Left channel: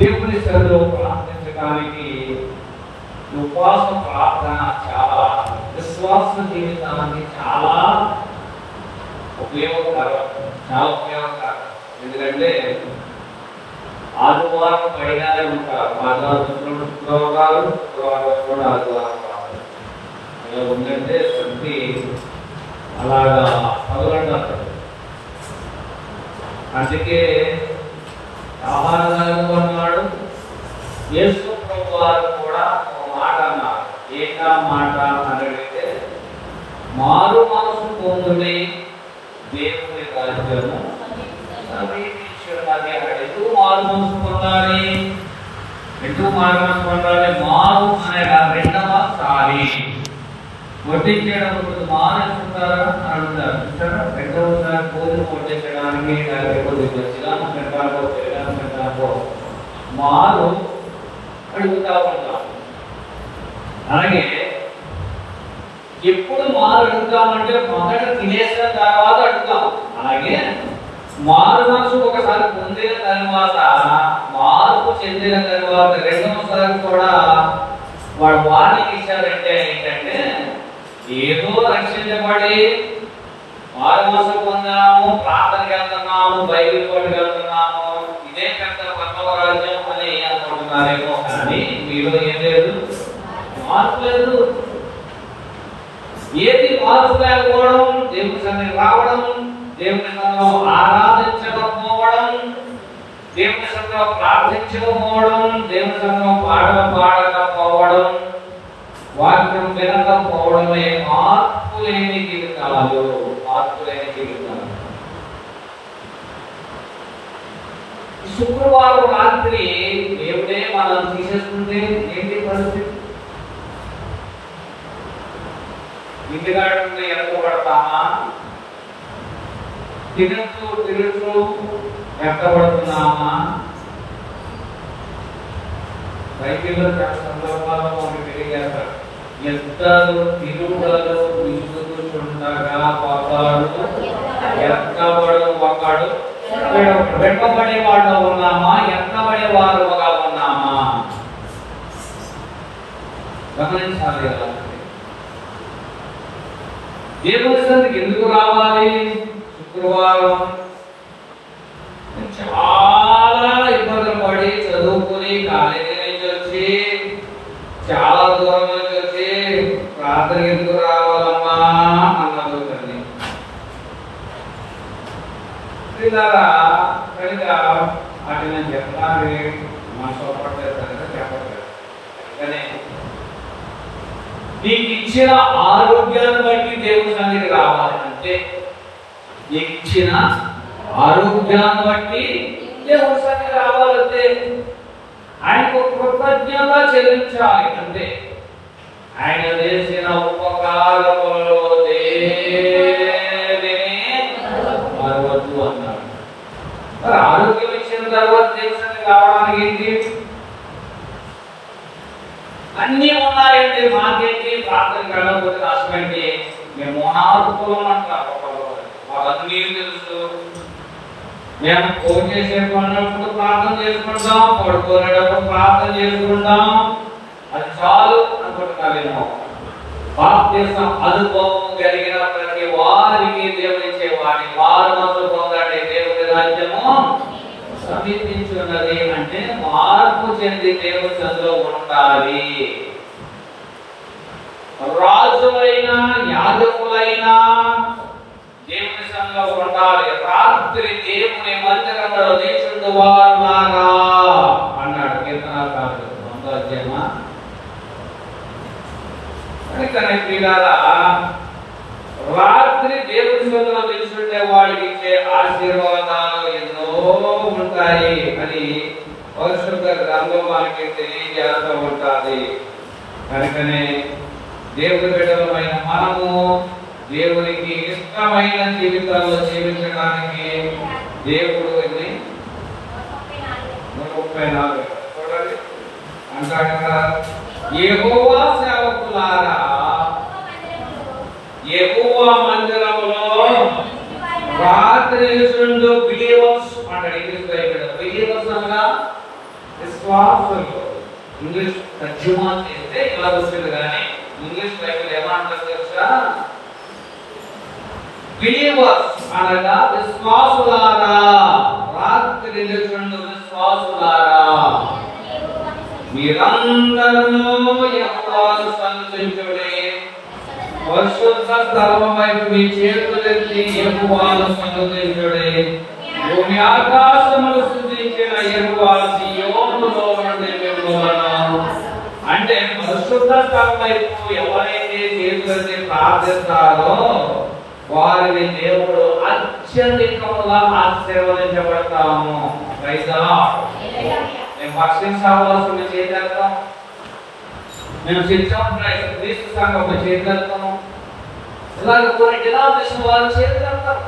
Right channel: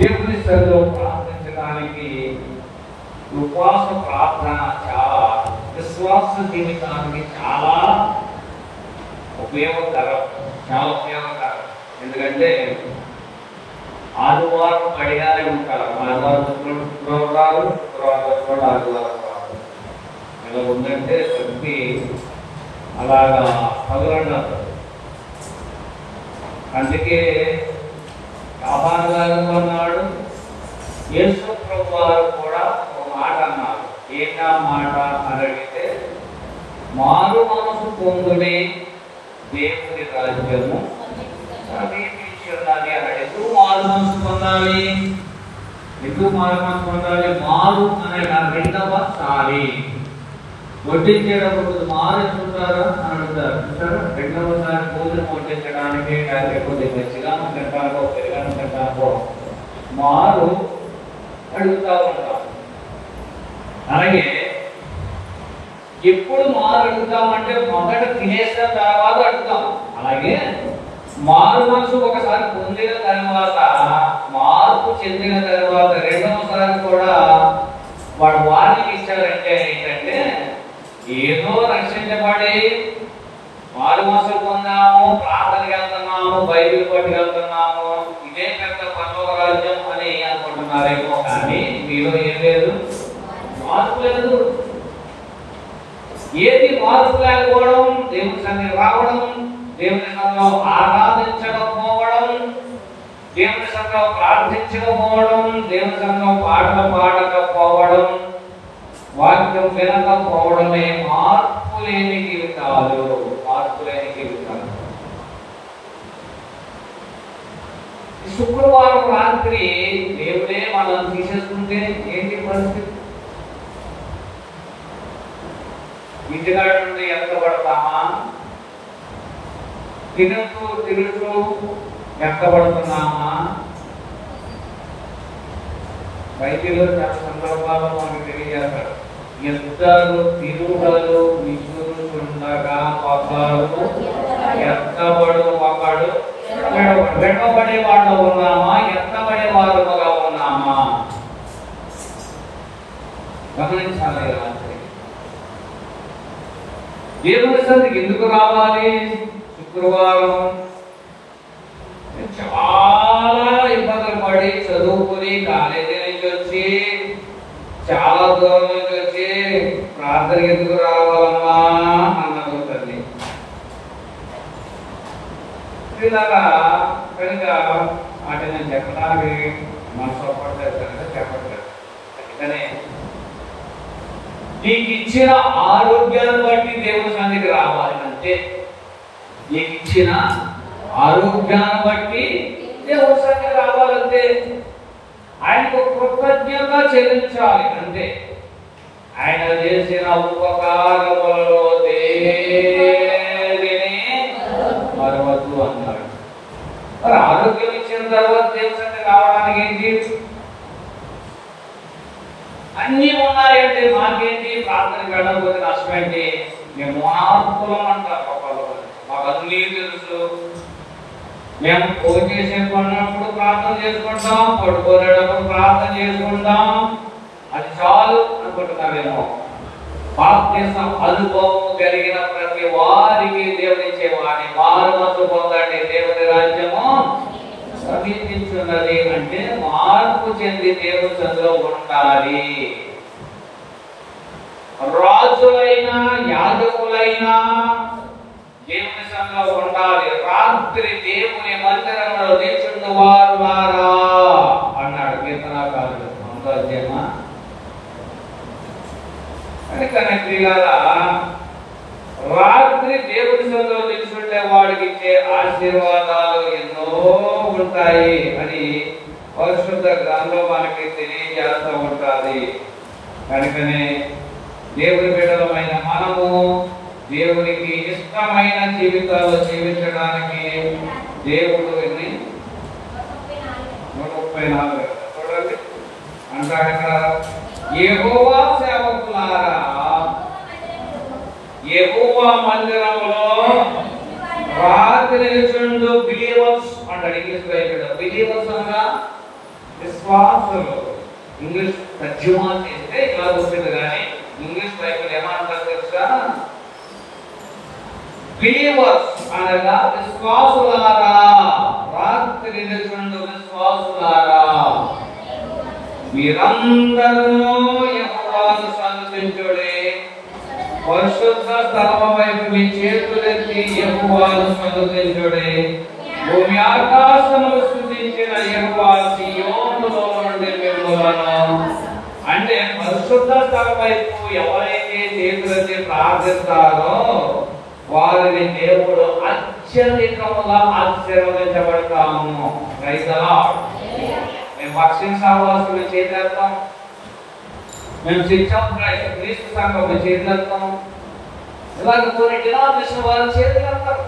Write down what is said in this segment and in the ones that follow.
దేవుని సన్నిధిలో ప్రార్థించడానికి ఉపవాస ప్రార్థన చాలా విశ్వాస జీవితానికి చాలా ఉపయోగకరం. ఎందుకంటే ఆదివారం పడిగానే ఉంటారు. ఆదివారం కూడా ఆదివారం ఎలా ఉందంటే ప్రతి అలాగా తగలడారు. అందుకే ఆహారదారు అన్నాడు. యేసు ప్రభు వారు కూడా ఒక మాట అన్నారు. ఏంటా మాట అని అడిగితే, మారు మనసు పొందునే దేవుని రాజ్యము సమీపించి ఉన్నది అన్నాడు. ఎందుకు మారు మనసు పొందాలి? మారు అనే రెండవసారి వడ్డించేటప్పుడు మారు ఎత్తుతారా అని అంటారు. చూసారా, రెండవసారి భోజనం వడ్డించడానికి లేకపోతే బజ్జిగానో తింటానో పెరుగనో తింటానో మారు అడుగుతా ఉంటాం. అలాగే ఎప్పుడు మారు అడుగుతామంటే మొదట తినేసిన తర్వాత అడుగుతాం. అలాగే మారు మనసు ఒకసారి పొందిన తర్వాత, మార్పు చెందిన తర్వాత రెండవసారి కూడా వాడు వార్నింగ్ ఇచ్చారంటే ఏంటంటే, ఏదో రక్షించబడి మారు మనసు పొందాము, ప్రార్థనకి వెళ్తున్నాము, బైబిల్ కొట్టుకు వెళ్తున్నాము, ఇదే పెద్ద పరలోక రాజ్యం అని అనుకుంటున్నారేమో. కానీ మీలో ఏలేదు, మార్పు లేదు. ఏది మార్పు లేకపోవడం? దేవుని సన్నిధికి రావడం, దేవుని సన్నిధిలో ఆరాధించకపోవడం, దేవుని సన్నిధిలో ప్రార్థించకపోవడం, దేవుని సన్నిధిలో పాటలు పాడకపోవడం, వాక్యం వినకపోవడమే మార్పు లేని జీవితాలు. ఈ శుక్రవారం రాత్రి దేవుడే మనం తీసేసుకుంటే ఏంటి పరిస్థితి? ఇంటికాడ నుండి ఎత్తపడతామా? తిరుగుతూ ఎత్తపడుతున్నామా? బైబిల్లో చాలా సందర్భాల్లో మనకి తెలియజేస్తారు. యుద్ధాలు, తిరుగుదలు, విసురుచుండగా ఒకడు ఎత్తబడు, ఒకడు వెంటబడే వాళ్ళు ఉన్నామా? ఎత్తబడే వారుగా ఉన్నామా? గమనించాలి. దేవుని సన్నిధికి ఎందుకు రావాలి? శుక్రవారం చాలా ఇబ్బందులు పడి చదువుకుని కాలేజీ నుంచి వచ్చి చాలా దూరం నుంచి వచ్చి ప్రార్థనకి ఎందుకు రావాలమ్మా అన్నారు తల్లి. కనుక వాటి నేను చెప్పడానికి మనసు ఒప్పట్లేదు కనుక చెప్పట్లేదు. అందుకనే నీకు ఇచ్చిన ఆరోగ్యాన్ని బట్టి దేవుని సన్నిధికి రావాలి. అంటే నీకు ఇచ్చిన ఆరోగ్యాన్ని బట్టి దేవుని సన్నిధికి రావాలంటే ఆయనకు కృతజ్ఞత చెల్లించాలి. అంటే ఆయన చేసిన ఉపకారములలో దేనిని మరవద్దు అన్నాడు. మరి ఆరోగ్యం ఇచ్చిన తర్వాత దేవుని సన్నిధికి రావడానికి ఏంటి? అన్నీ ఉన్నాయంటే మాకేంటి? ప్రార్థనకి వెళ్ళకపోతే నష్టం ఏంటి? మేము మోనార్కులం అంటారు. మాకు అన్నీ తెలుసు. మేము కోటేసేపు ఉన్నప్పుడు ప్రార్థన చేసుకుంటాం, పడుకోనేటప్పుడు ప్రార్థన చేసుకుంటాం, అది చాలు అనుకుంటున్నామేమో. బాప్తిస్మ అనుభవం కలిగిన ప్రతి వారికి దేవుడిచ్చే వారి మారు మనసు పొందండి, దేవుని రాజ్యము సమీపించున్నది. అంటే మార్పు చెంది దేవుని సన్నిధిలో ఉండాలి. రాజులైనా యాజకులైనా దేవుని సన్నిధిలో ఉండాలి. రాత్రి దేవుని మందిరంలో నిల్చుండు వారులారా అన్నాడు కీర్తనాకారుడు 9వ అధ్యాయమా. కనుకనే ప్రియులారా, రాత్రి దేవుని సన్నిధిలో నిల్చుండే వాడికి ఇచ్చే ఆశీర్వాదాలు ఎన్నో ఉంటాయి అని పరిశుద్ధ గ్రంథంలో మనకి తెలియజేస్తూ ఉంటుంది. కనుకనే దేవుని బిడ్డలమైన మనము దేవునికి ఇష్టమైన జీవితాల్లో జీవించడానికి దేవుడు 34 చూడండి అంటాడు ఇక్కడ, యెహోవా సేవకులారా, యెహోవా మందిరములో రాత్రి నిల్చుండు బిలీవర్స్ అంటే అంటాడు ఇంగ్లీష్ బైబిల్. బిలీవర్స్ అనగా విశ్వాసులు. ఇంగ్లీష్ తర్జుమా చేస్తే ఇలా వచ్చింది, కానీ ఇంగ్లీష్ బైబిల్ ఏమంటారు తెలుసా? బిలీవర్స్ అనగా విశ్వాసులారా, రాత్రి నిలుచుండు విశ్వాసులారా, మీరందరూ యెహోవాను సన్నిధించుడి, పరిశుద్ధ స్థలం వైపు మీ చేతులెత్తి యెహోవాను సన్నిధించుడి. భూమి ఆకాశములు సృజించిన యెహోవా సీయోనులో నుండి మిమ్ములను, అంటే పరిశుద్ధ స్థలం వైపు ఎవరైతే చేతులెత్తి ప్రార్థిస్తారో వారిని దేవుడు అత్యధికముగా ఆశీర్వదించబడతాము. Praise the lord. మేము భక్షించవలసిన చేతులెత్తాం, మేము శిక్షణ క్రీస్తు సంఘం చేతులెత్తాం, ఇలాగ కొన్ని డినామినేషన్ వాళ్ళు చేతులెత్తారు.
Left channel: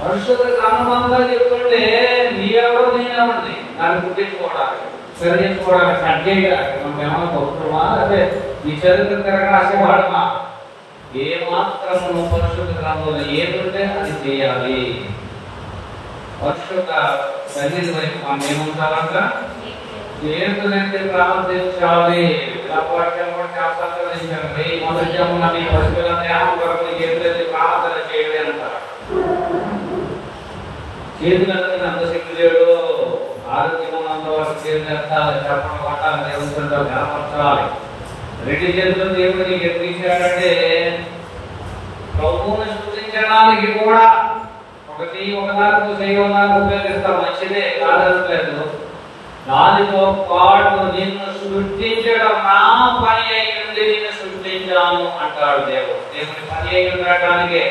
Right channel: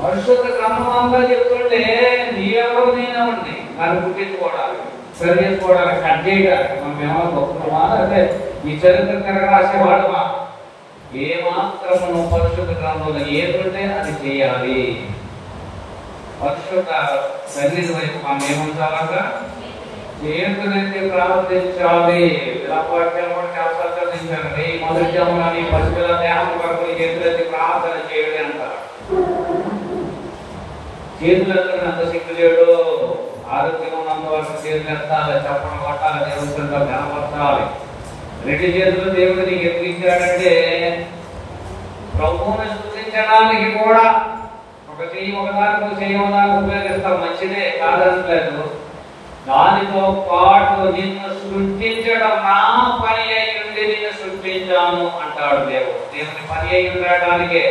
పరిశుద్ధ గ్రంథంలో చెప్తుంటే నీవెవరు నేనెవరిని దాన్ని గుర్తించుకోవడానికి, సరి చేసుకోవడానికి, కట్ చేయడానికి మనం ఏమైనా గొప్పమా, అదే ఈ చరిత్ర తిరగ రాసేవాడమా? ఏ మాత్రము పరిశుద్ధ గ్రంథంలో ఏముంటే అది చేయాలి. పరిశుద్ధ సన్నిధి వైపు మనం ఏముంటారంట? చేతులెత్తి ప్రార్థించాలి. వినపవాక్యాలు కూడా చాలా చదివించారు. ఈ మనుష్యములని పశువుల దేహం కొరకు చేతులెత్తి ప్రార్థన చేయాలి అంట. చేతులెత్తండి అంత శక్తి లేడు. ఆరోగ్యం ఉన్నంత వరకు చేతులెత్తాలి, చప్పట్లు కొట్టాలి, దేవుడితో జ్ఞాపకాలి. రెడ్డి చేతితో దేవుడు నీకు ఎదిరించాడంటే ప్రభువుని స్తుతించడానికి కూడా ఒకదానితో చేయడానికి ఉపయోగిస్తాం, మంచిదే, కాదనట్లేదు. దానితో పాటు నిన్ను సృష్టించడం నా పని అయి ఉండి నిన్ను సృష్టించాను అంటాడు దేవుడు. దేవుని పని అయి ఉండటానికే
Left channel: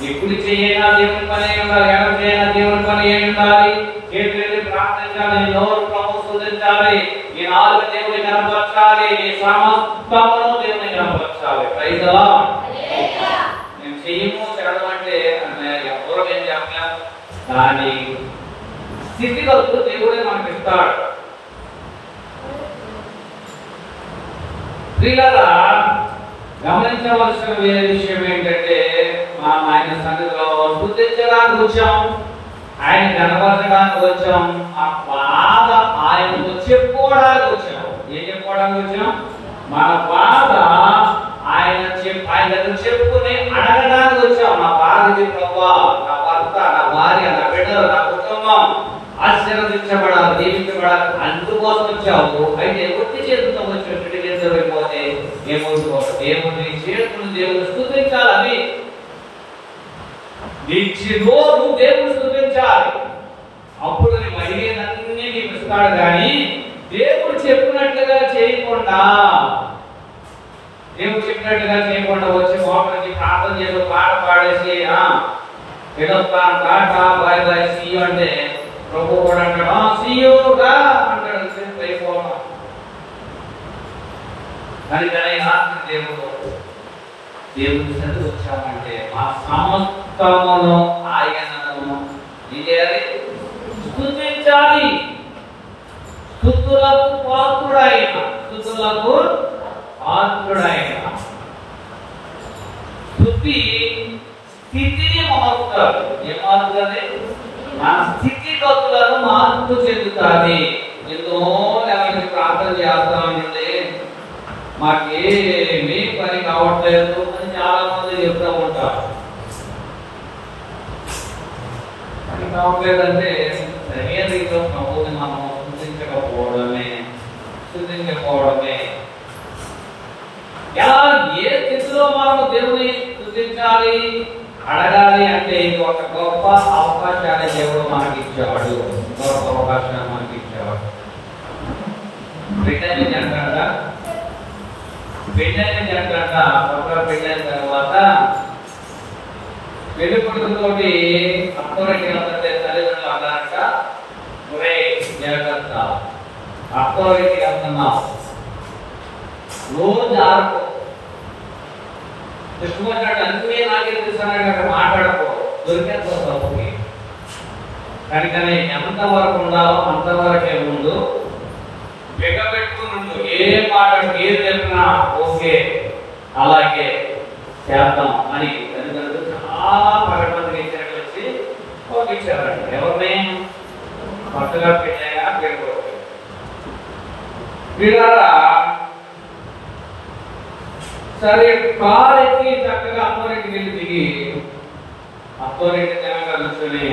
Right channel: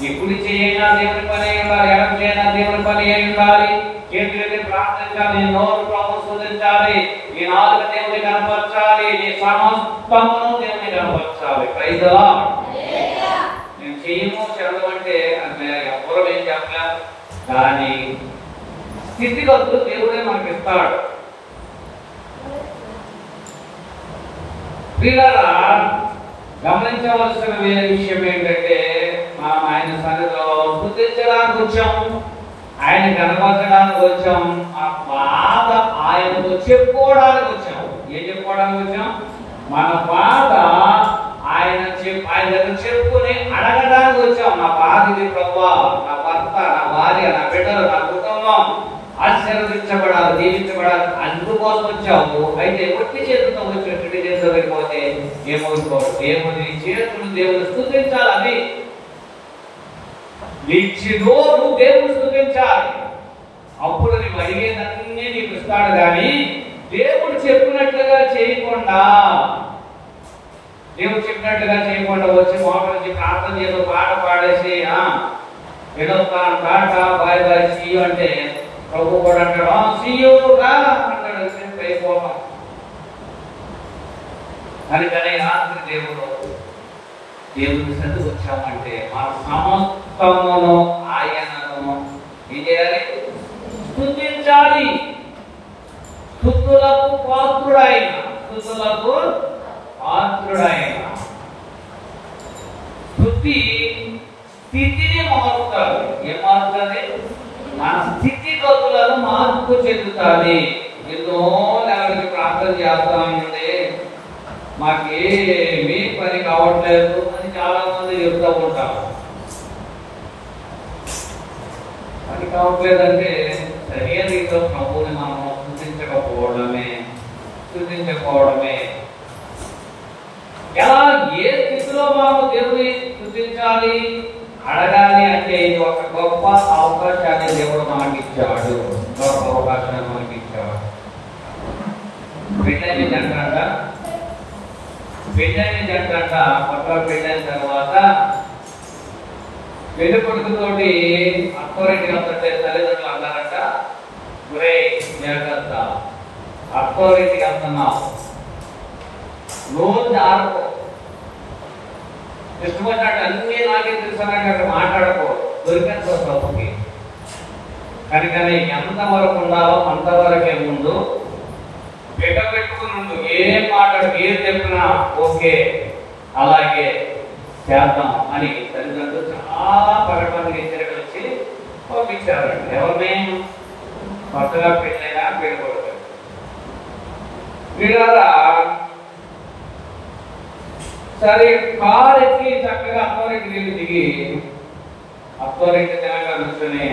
నీ కుడి చేయైనా దేవుని పని అయి ఉండాలి, ఎడమ చేయైనా దేవుని పని అయి ఉండాలి. చేతులెత్తి ప్రార్థించాలి, నోరు ప్రభు స్తుతించాలి, ఈ నాలుగు దేవుని కనపరచాలి, నీ సమస్తమును దేవుని కనపరచాలి. Praise the lord. నేను చెయ్యము చెడడం అంటే ఎవరు ఏం చెప్పలేము, కానీ స్థితిగతులు దేవుడే మనకి ఇస్తాడు. ప్రియులారా, గమనించవలసిన వేరే విషయం ఏంటంటే మనం ఆయన సన్నిధిలో స్తుతించడానికి వచ్చాం, ఆయన కనపరచడానికి వచ్చాం, ఆ బాధ ఆయనతో చెప్పుకోవడానికి వచ్చాం. ఏం చెప్పుకోవడానికి వచ్చాం? మన బాధ ఆయన దగ్గర చెప్పుకుని అడగడానికి వచ్చాం. నా బాధ ఇది ప్రభువా, నా భర్త, నా భార్య, నా బిడ్డలు, నా కుటుంబం ఆశీర్వదించబడాలి, దీవించబడాలి, అందుకోసం వచ్చావు. అయితే ఒట్టి చేతులతో వచ్చి చెట్టు చేతిలో వెళ్ళిపోతే ఏమవుతావు? దేవుని చేతులు దేవుని స్తుతించాలి. అవి నిచ్చిదో నువ్వు దేవుని స్తుతించాలి. అప్పుడు నువ్వు అడిగేదన్నీ నీకు ఇస్తాడు. కానీ దేవుడు చెప్పినట్లుగా చేయకుండా వచ్చి మోకాళ్ళకి ప్రార్థన చేసి పాట పాడేసి వెళ్ళొస్తాను, టాటా, బాయ్ బాయ్, సీ అంటే ప్రభు కూడా అంటాడు సీయూ రా అంటాడు. కానీ రాత్రి దేవుని సన్నిధికి వచ్చామంటే ఆ సమస్తమును ఆయనను ఏం చేయాలి? స్తుతించాలి. స్తుతులకు పాత్రుడైన, స్తుతులకు పాత్రుడైన. స్తుతి స్థితిని మారుతుంది. ఏం మారుతుంది? ఆ స్థితిగతులను మార్పు చెందుతుంది. ఎన్నో ఎవరికి ప్రార్థన చేస్తామండి, మాకేమీ పని కావట్లేదు అని చాలా మంది చెప్తూ ఉంటారు. పని కావట్లేదంటే సరైన రీతిలో ప్రభువుని మనం స్తుతించకపోవడమే. ఎలా ఏ స్థితిలో మనం దేవుని స్తుతించాలి, అడగాలి అంటే ఇది ఒక గొప్ప అవకాశాన్ని దేవుడు మనకి ఇచ్చేవాడు. గొప్ప అవకాశాన్ని మనకి ఇచ్చేవాడు. పెళ్ళైన జంట అక్కడ పెళ్ళైన తర్వాత పెళ్లి కొడుకుతోటి అత్తోరింటికి వస్తుంటే తల్లిదండ్రులు అన్నారట, ఒరే జాగ్రత్త, అత్తోరింటికి వస్తున్నావు, రోజు ఆడకో, ఇష్టమొచ్చినట్టు అందుకే నాకే తెలుసు మాట్లాడకో, దొరికేస్తా తప్పుకి. కనుకనే ఎంతవరకు ఉండాలో అంతవరకే ముందు పెట్టుకుని ఏం మాట్లాడు, ఏం చెప్పినా ఓకే అలాగే చేద్దాం అని తల్లిదండ్రులు చాలా ప్రకటనకి హెచ్చరికలిచ్చి పంపించారంట. ఎవరిని? కొత్తగా పెళ్ళైనా పేరు కొట్టారు. వీళ్ళారా సరే కారు ఎక్కి చక్కగా అత్తవారింటికి వెళ్ళి దిగి అత్తవారింటి తెలంగాణ కూర్చొని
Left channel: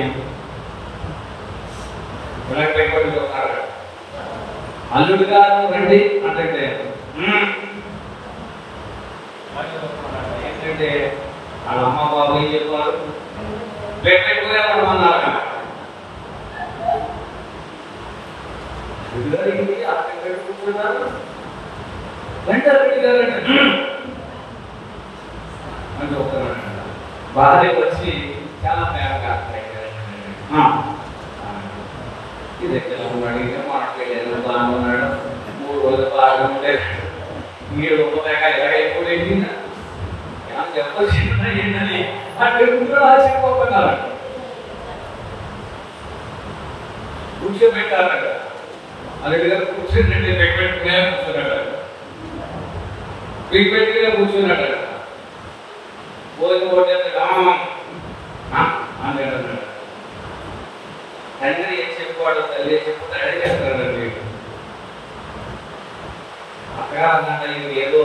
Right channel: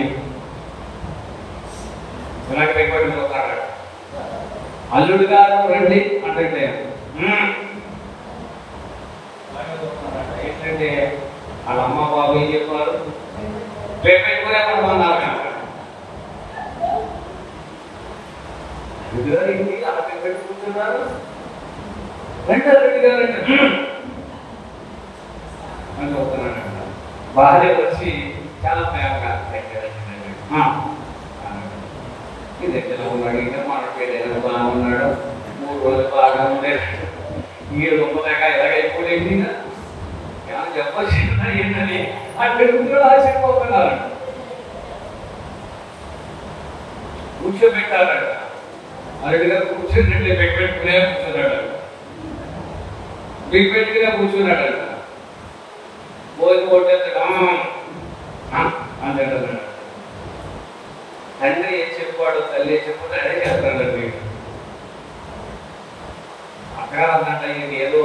పిల్లకి పెట్టుబడి చూస్తున్నాడు. అల్లుడు గారు రండి అంటే ఏంటంటే వాళ్ళ అమ్మ బాబు ఏం చెప్పారు, పెట్టుకునే అన్నారు కనుక కూర్చున్నారు. భార్య వచ్చి చాలా ప్రేమగా ఇది ఎక్కడ ఉన్నాడు, ఇంకా మాట్లాడేది బాగా ఉన్నాడు, 3 బాగా ఉండేది, మీరు గొప్పగా ఎలాగైపోయింది చెప్పొచ్చి ఏంటని అక్కడ చెప్పుకోగలరు. కూర్చోబెట్టారట, అరగ కూర్చొని పెట్టుకునే కూర్చున్నాడ, పెట్టుకునే కూర్చున్నాడ. అంటే తండ్రి ఏం చెప్పాడు, తల్లి ఏం చెప్పుకుంటే అదే చెప్తాడు. వీడు అక్కగా అన్నట్ట ఇది ఏదో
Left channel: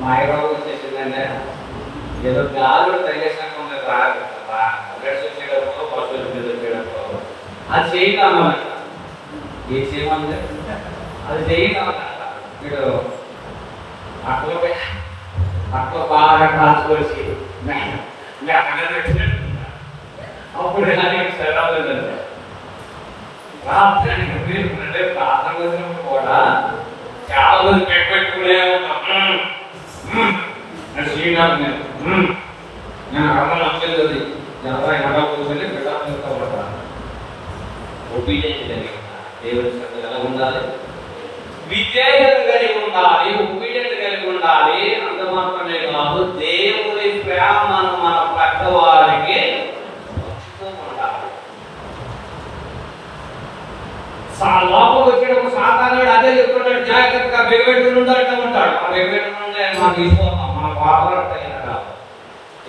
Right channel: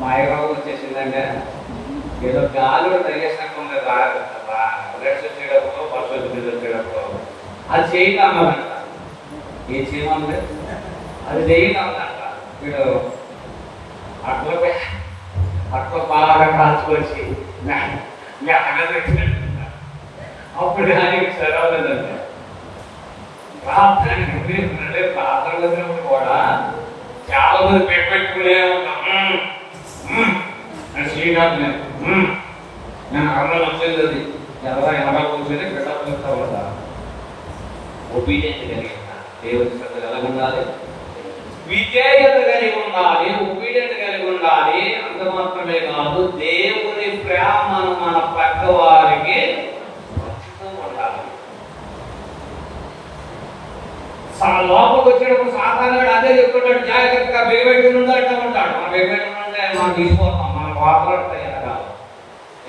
మాయరోగం వచ్చేసిందంటే, ఏదో గాలుడు తగిలేసినాక బ్లడ్స్ వచ్చేటప్పుడు వర్షాలు మీద వచ్చేటప్పుడు అది చేయటామన్నట. ఏ చేయమంటే అది చేయటామన్నట. వీడు అట్లకే తక్కువ బాగా కాచుకొచ్చి మీ అక్కగారు పెట్టినట్టు అప్పుడు కానీ సెలవులేదంట. ప్రార్థన ప్రార్థన వచ్చినప్పుడు కూడా చాలా మంది పెట్టుకునే ఉంటాం. శ్రీరామ్ నేను అమ్మాయి వచ్చేది అది ఎలా ఎలా కూర్చొని పెట్టాలనుకోబడతాను. ఒపీనియన్ కలిగి ఉండాలి, దేవుని శ్రద్ధ ఎలా ఉండాలి, విధేయత కలిగి ఉండాలి, ఒపీనియన్ కలిగి ఉండాలి. అంత మాత్రమే కాదు, దేవుని ప్రేమను మన పక్క వారికి ఉండాలి. లోపలికి వచ్చేటప్పుడు సాధారణ అదే చెప్తున్నాడు, జాగ్రత్తగా బెగబెట్టుకుని అంటూ ఉంటాడు. ఆ బెగబెట్టుకుంటే మనం తీసుకోతాం, మన వాపలాడతాయి కాదు.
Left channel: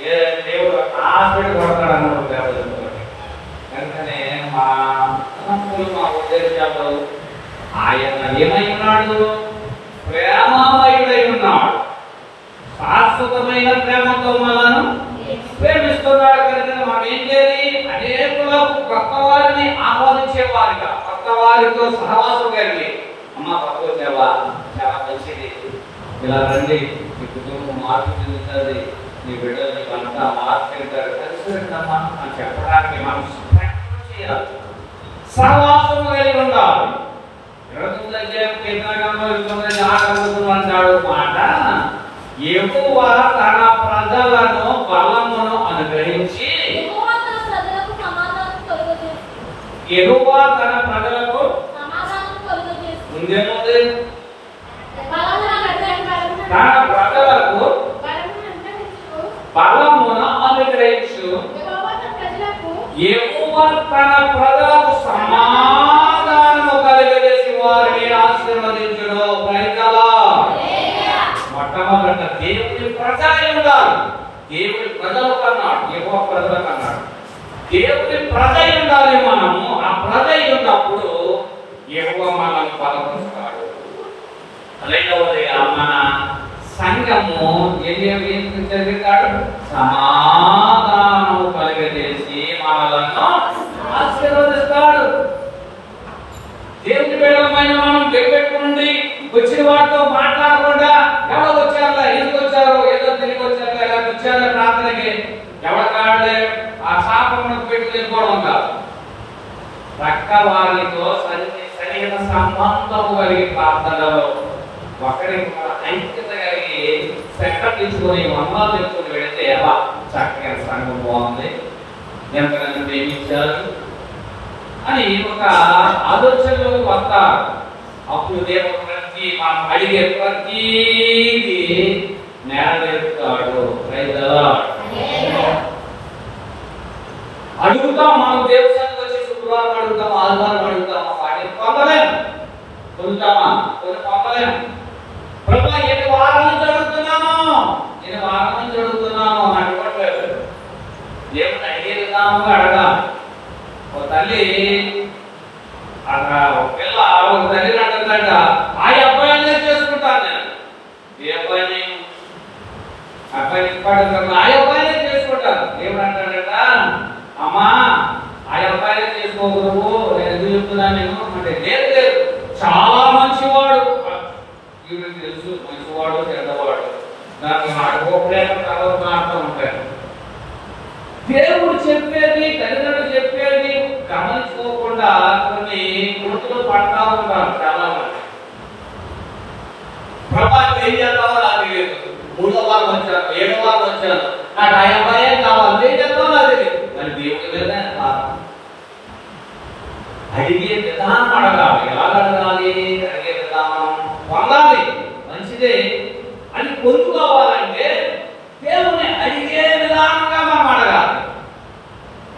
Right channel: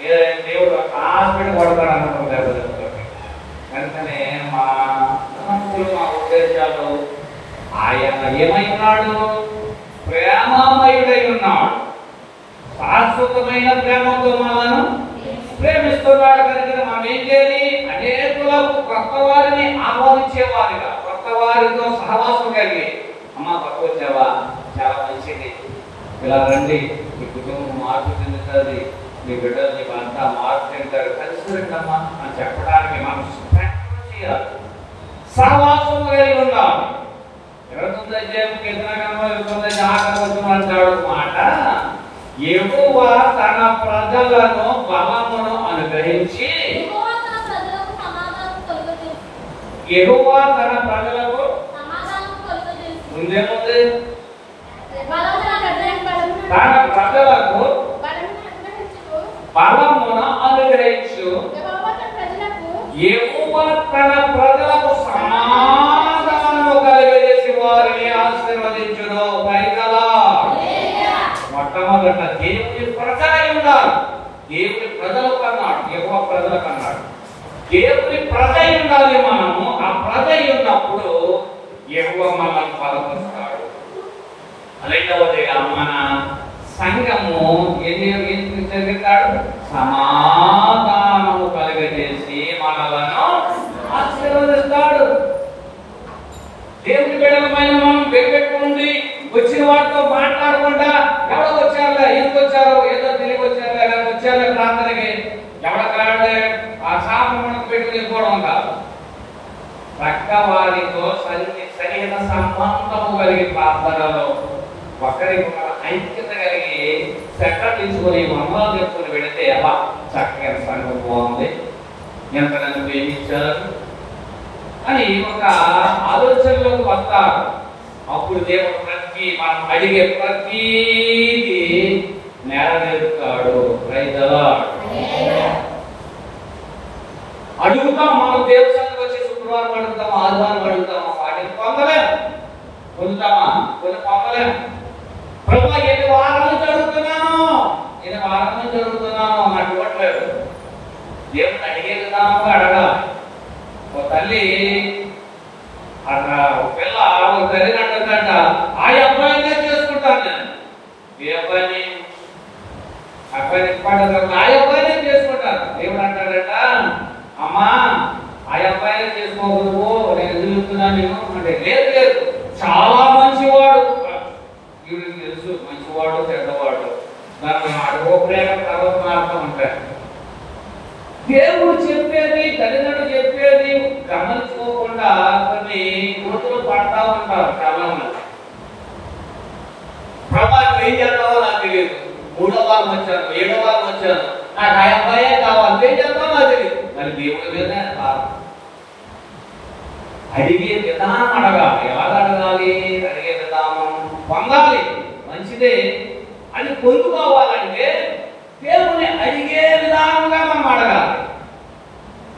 ఏ దేవుడు హాస్పిటల్ కొడతాడు అనుకుంటాడు. వెంటనే మా ఉద్దేశాలు ఆయన ఏమై ఉన్నాడు, ప్రేమమయుడై ఉన్నాడు. శాశ్వతమైన ప్రేమతో మనను ప్రేమిస్తున్నాడు కనుక మనం ఏం చేయాలి, అనేకులకు కొత్త వారిని ఆహ్వానించేవారిగా, కొత్త వారితో సహవాసం కలిగి, అమ్మ కొత్త వచ్చావా చాలా మంచిది, ఇలా రండి, నీ కుటుంబం మార్పు చెందుతుంది, నీ బిడ్డలు నీకు అంతా మార్పు చెందుతారు, కలిసి రండమ్మా అని చెప్పడానికి మనం ప్రయత్నం చేయాలి, సహవాసం కలిగి ఉండాలి. 29వ అధ్యాయం కీర్తనకాండలో 29 అంటాడు మాట, యెహోవా తన ప్రజలను బలమును అనుగ్రహించి, యెహోవా తన ప్రజలకు ముందేముంది, తన ప్రజలకు బలమును అనుగ్రహించు, యెహోవా తన ప్రజలకు సమాధానము కలుగజేసి వారిని ఆశీర్వదించును. మొట్టమొదట దేవుని ప్రజలై ఉండాలి. దేవుని ప్రజలకు అన్నాడు, యెహోవా ప్రజలకు అన్నాడు. దేవుని ప్రజ ఉండాలి. మనము ఆ ప్రజ ఉన్నప్పుడు యెహోవా మనల్ని బలపరుస్తాడు. రెండవదిగా మన సంఘము ఏం జరిగిస్తాడు, సమాధానము కలుగజేసి మనలను ఆశీర్వదిస్తాడు. దేవుని బిడ్డలమైన మనం బెగబెట్టుకుని వచ్చిన వాటితో మాట్లాడకుండా, ఎవరో వచ్చారా, ఎందుకు వచ్చారు, ఏదో తిరిగి వచ్చారా, ఎలా వచ్చారా ప్రార్థనకి ఎవడ కాడలే ఆ శాపములకు పెట్టి వెళ్ళిపోవడం కాదు. ప్రక్క వారితో సన్నిహిత సంబంధము కలిగి ప్రార్థనలో ఒకరికి ఐక్యత కలిగి శ్రద్ధ తీసుకొని వందనాలు చెప్పుకొని వెళితే అలా చక్కగా సంఘం బాగుంది, ఎంత నన్ను ప్రేమించారు అని ఒక ఆలోచనలో వస్తారు. అప్పుడు దేవుడు ప్రతి మనం అడిగే ప్రతిదీ నెరవేరుతాడు. అడుగుతాం, మనం దేవుడికి వచ్చి శుక్రవారం అడుగుతాం, ఆదివారం అడుగుతాం, వాటిని పొందలేము. పొందుతామా? కొన్ని పొందలేము. ప్రభు ఎన్ని వారాల నుంచి అడుగుతున్నాను, ఎన్ని వారాల నుంచి అడుగుతున్నాను నాకు ఇవ్వట్లేదు. దేవుడిని అడిగే విధానంగా అడగాలి. ఓ తల్లి పిల్ల ఒక తల్లి అంటుందంట, ఆ అబ్బాయినే చేసుకుంటాను నేను. ఏ అబ్బాయిని? అబ్బాయిని ఇష్టపడతాను, ఆ అబ్బాయినే చేసుకుంటాను. దేవుడు అంటాడట, అమ్మా ఆ అబ్బాయినే చేసుకోకూడదు, నేను ఎందుకు చెప్తున్నానేమో అంటే, లేదు లేదు చాలా మంచివాడు, వీడికి తెలుసు మంచివాడు చెడ్డవాడు, దాన్ని అడుగులేక తర్వాత మారుతూ ఉంటాయి. దేవుడు చెప్పేది, తల్లిదండ్రులు చెప్పేది గమనించుకోకుండా కొన్ని గుర్తులు పడతా ఉంటారు చాలా మంది. ప్రభావం ఏం చేస్తావో నాకు తెలియదు, 3వ వారం వచ్చాను, 7వ వారం వచ్చాను, నాకు ఆ అబ్బాయే కావాలి, ఏం చేస్తావో నాకు తెలియదు. మరి దేవుడి మీద అడిగే విధానం అడగాలి. ఎలా అడగాలి? అడిగే విధానం పొందాలి, మంచిదే అని పొందుకోవాలంటే దేవుని అడిగే విధానంగా మనం అడగాలి.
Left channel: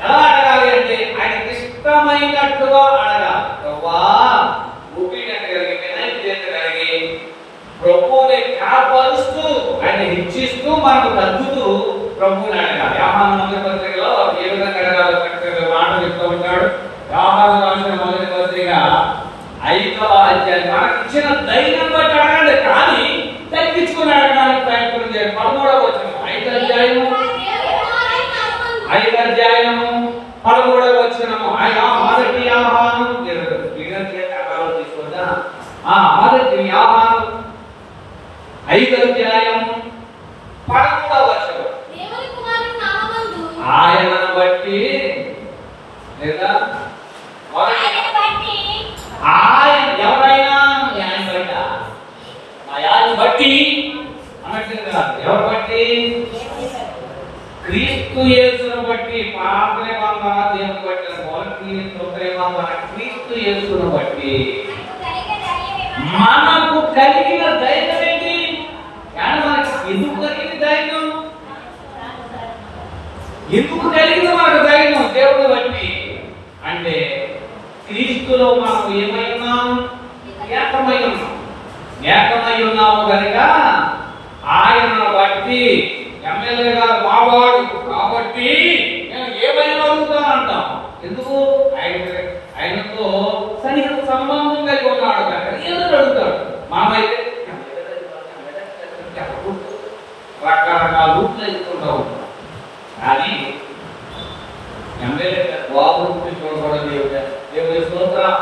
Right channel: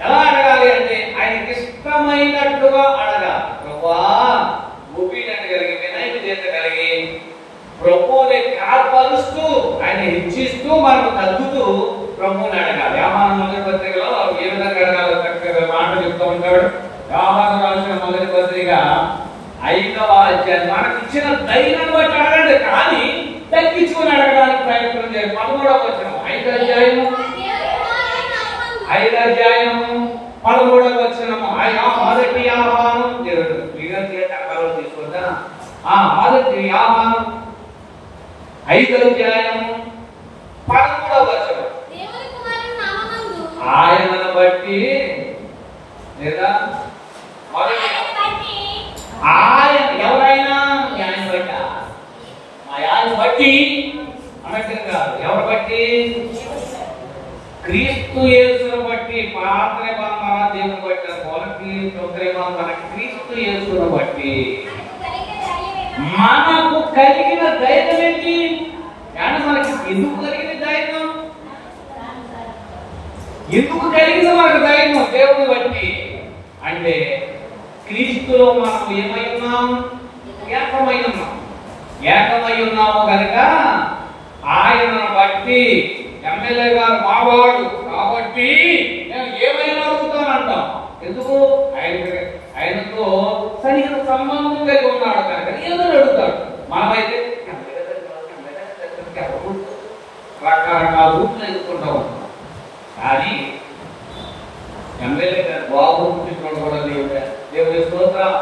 ఎలా అడగాలి అంటే ఆయనకి ఇష్టమైనట్టుగా అడగాలి. ప్రభా ఒపీనియన్ కలిగి, వినయత కలిగి, ప్రభువుని కాపాడుస్తూ ఆయన హెచ్చిస్తూ మనం తగ్గుతూ ప్రభువుని అడగాలి. యోహాను మొదటి పత్రికలో ఏ విధంగా అడగాలో చక్కగా మాట చెప్తూ ఉంటాడు. యోహాను రాసిన మొదటి పత్రిక 5వ అధ్యాయం. మనకి ఇచ్చిన ధైర్యం బట్టి అడగండి, కానీ తగ్గించుకుని అడగడానికి ప్రయత్నం చేయాలి. 13వ వచనం 5వ అధ్యాయం 13వ వచనము. మొదటి యోహాను తీసుకుందా? మొదటి యోహాను 5వ అధ్యాయము 13వ వచనం. ఆయనను బట్టి లేదా ఆయన ఎవరైనా ఆయన బట్ట, ఆయన బట్టి అన్నట్టు కాదు. ఎవరు బట్టి? క్రీస్తు యేసును బట్టి. పాత నిబంధన దేవుని బట్టి క్రీస్తు యేసును బట్టి మనకు కలిగిన ధైర్యం ఏంటి? కానీ మనకి ఎందుకు కలిగిన ధైర్యం? ఎందుకు కలిగిన మనకు ధైర్యం? దేవుని బట్టి అంటే క్రీస్తులో మనం ఏమై ఉన్నాం? ఏకమై ఉన్నాం. ఏకమై ఉన్నాము కనుక ఆయనను బట్టి ఎమ్మెల్యే గారు మావాడు కాబట్టి నేను ఏమైనా అడుగుతానంటాం. ఎందుకు? ఆయనతో సన్నిహిత సంబంధం కలిగి ఉన్నాడు కనుక ఏదైనా అడుగుతాడు. మనమైతే రకరకాల రూట్లు ఎదుర్కొంటా ఉంటాం. కానీ ఎమ్మెల్యే గారు బాబు దేవుడి స్తోత్రం.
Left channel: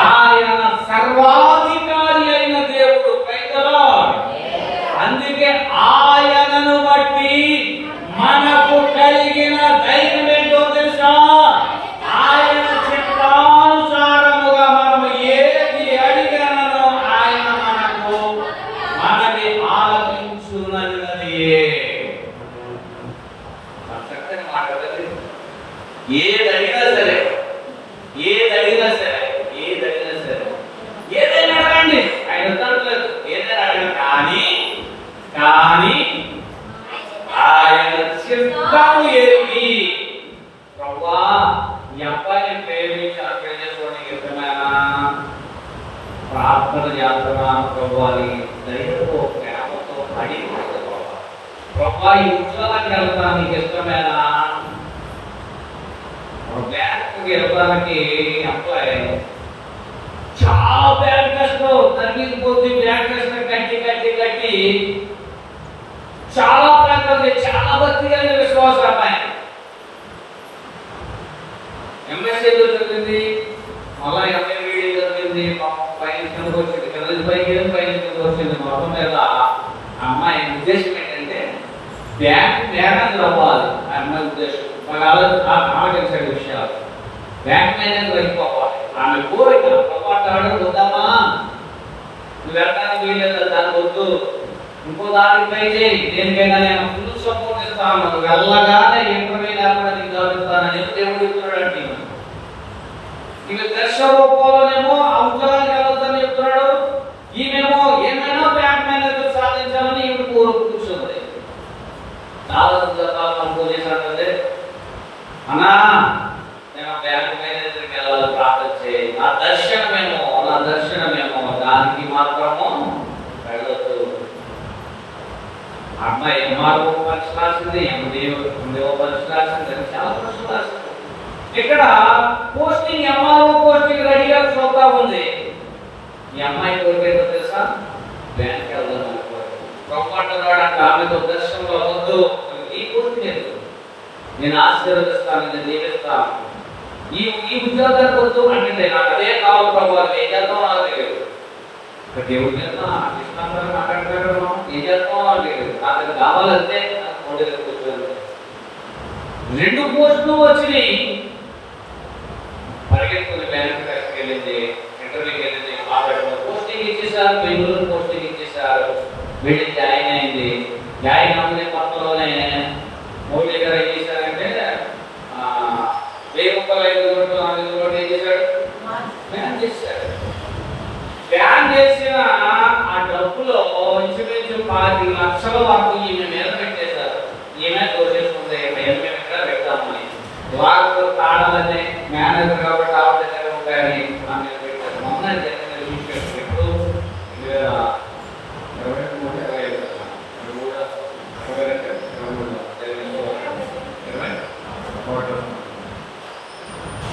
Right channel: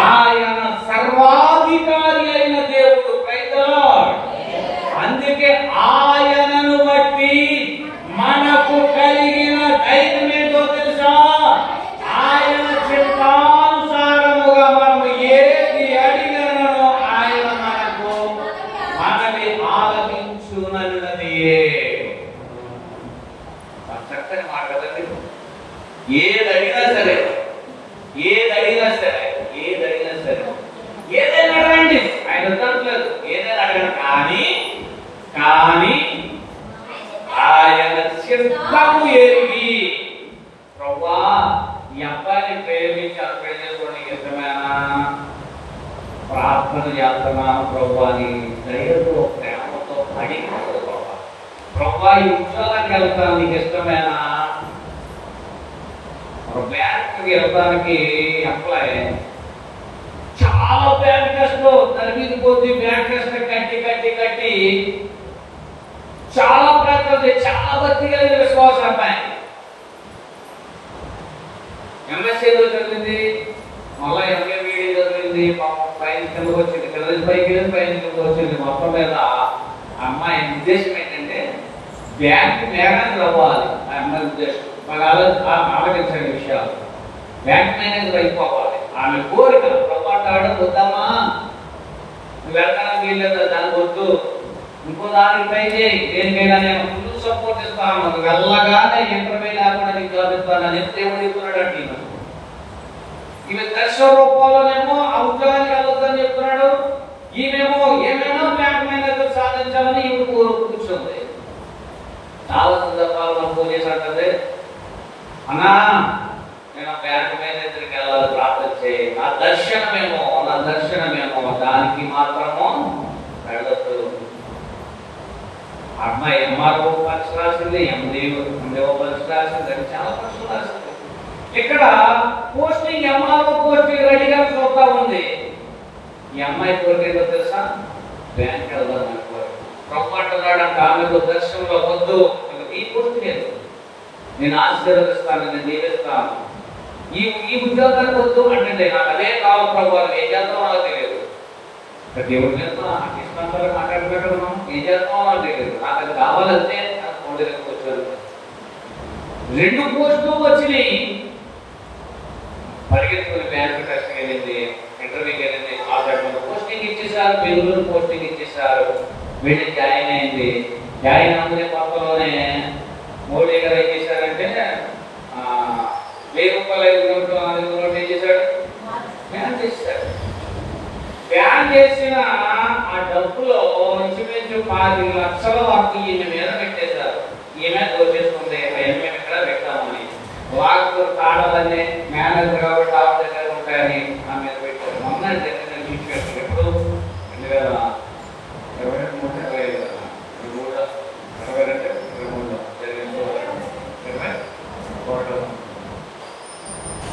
ఆయన సర్వాధికారి అయిన దేవుడు. అందుకే ఆయనను బట్టి మనకు కలిగిన ధైర్యం ఏంటో తెలుసా? ఆయన చిత్తానుసారముగా మనం ఏది అడిగనో ఆయన మనకి ఆలకించునన్నదియే. చక్కని మాట కదండి. ఏదడిగినా సరే ఏదైనా అడగండి, ఆయన ఉత్తరలేదు. ఏదైనా అడగండి, కానీ ఆయన చిత్తము ఎరిగి, ప్రభువా ఈ అబ్బాయిని ప్రేమించి అర్థం చేసుకోవడానికి ఇష్టమేనా? ప్రార్థన చేస్తున్నా ప్రభువా అని ధైర్యంతో ప్రేమతో అడిగి, ప్రభువా ఈ ఉద్యోగానికి వెళ్తాను నీకు ఇష్టమేనా? బ్యాంకుకి వెళ్ళడానికి అప్లై చాలా బ్యాంక్ టెస్ట్ తరగతి కొద్ది బ్యాంక్ టెస్ట్ కట్టి చాలా ప్రయత్నం, చాలా భక్తి కలిగిన విశ్వాసం అమ్మాయి ఎంఎస్సీ చదివింది, మళ్ళా ఎంఏ చదివింది, పైన కిందకు వచ్చింది, పైన కిందకు వచ్చింది. మొత్తం మీద అమ్మాయి ఉద్దేశం ఏంటంటే బ్యాంక్ మేనేజర్ అవ్వాలి. ఆ అమ్మాయి ఉద్దేశం ఆలోచించండి విషయాలు. బ్యాంక్ మేనేజర్ అయిపోవాలి ఆమె కోరిక. ప్రభుత్వాడు వద్దమ్మా, నువ్వు వెళ్ళడానికి వీల్లేదు, దాని వద్దు, ఇంకో దానికి ట్రై చేయి, దేనికైనా నేను ఫుల్ సపోర్ట్ ఇస్తాను, నువ్వు వెళ్ళగానే ఇంటర్వ్యూ లేకుండా నీకు జాబ్ ఇస్తానని దేవుడు చెప్తున్నాడంటే ఈమె దర్శన రూపంలోనేమో ఆ ఉద్యోగానికి వెళ్ళొద్దని చెప్తున్నాడు. ఈమెమో ఏమైనా బ్యాంక్ మేనేజర్ సాధించాలని ఈమె కూర్చుంది. చాలా సందర్భాలు మనం పూజ చేసినట్టే, అన్నా నేను బ్యాంక్ మేనేజర్కి వెళ్ళాలి, ప్రార్థన చేయి, నా దర్శనమేమో దానికి మాత్రము వెళ్ళొద్దు. అమ్మాయి ఎంఆర్ఓ పరీక్ష రాసింది, ఎండిఓ పరీక్ష రాసింది, చాలా పరీక్ష రాసింది. ఇక్కడ పోస్టింగ్ నేను ఆశీర్వదిస్తాను, నేను దీవిస్తాను. ఈ ఉద్యోగానికి వద్దు అంటే నాకు అదే కావాలి ప్రభు, ఏం చేస్తామో నాకు తెలియదు. దేవుడి మీద నాకు ఇష్టాంతరం మాట్లాడలేదు, ఏం చేస్తామో నాకు తెలియదు. నాకు అది కావాలంటే కూర్చోదు. 2 పోస్టులు వచ్చినాయి. పరిగెత్తుకుని బ్యాంకు టెస్ట్కి వెళ్ళింది, ఇంటర్వ్యూకి వెళ్ళింది, మాట్లాడుతున్న పోస్టింగ్ ఇచ్చేసారు, బెంగళూరు పోస్టింగ్ ఇచ్చేసారు. వెళ్ళి జాయిన్ అయింది. జాయిన్ అవుతున్న కొత్తలోనే మోడీ గారు ఏం చేశారంటే 1000 రూపాయలు ఏం చేశాడు, బ్యాన్ చేశాడు. బ్యాన్ చేసిన ఆ డబ్బులో ఇంచుమించు 5 లక్షల వరకు ఈమె మీద పెట్టేశారు. ఈమె వచ్చేసుకుంది, మేము ఇక్కడ పెడతామని. వారు కాడాలంటే మేనేజర్ కాబట్టి ఆపరేషన్ ఆ మీద పెట్టారు. మొన్న ఎప్పుడు 2023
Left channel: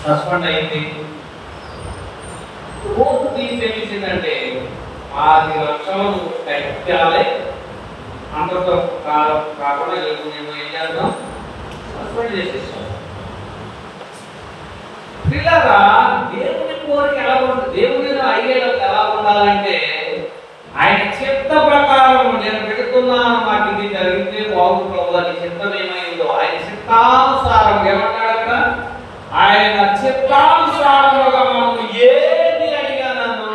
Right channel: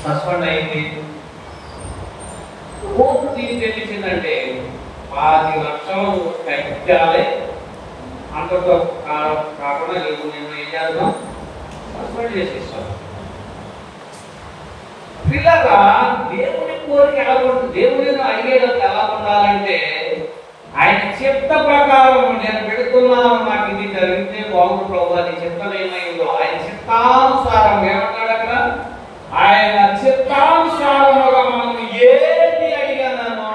సస్పెండ్ అయింది. పూర్తి తెలిసిందంటే 10 లక్షలు కట్టాలి. అంతతో కాకుండా నీకు నేను ఏం చేద్దాం, సస్పెండ్ చేసేస్తాం. పిల్లగా దేవుని కోరిక ఎలా ఉంటుంది, దేవుని అడిగేటప్పుడు ఎలా ఉండాలంటే ఆయన చిత్త ప్రకారం నేను పెడుతున్నాను, మాకు ఇది జరిగితే బాగుంటుంది, అది చిత్తం ఏమైందో ఆయన చిత్తానుసారం ఏమంటాడు అక్కడ, ఆయన చిత్తానుసారముగా మనం ఏది అడిగానన్నా.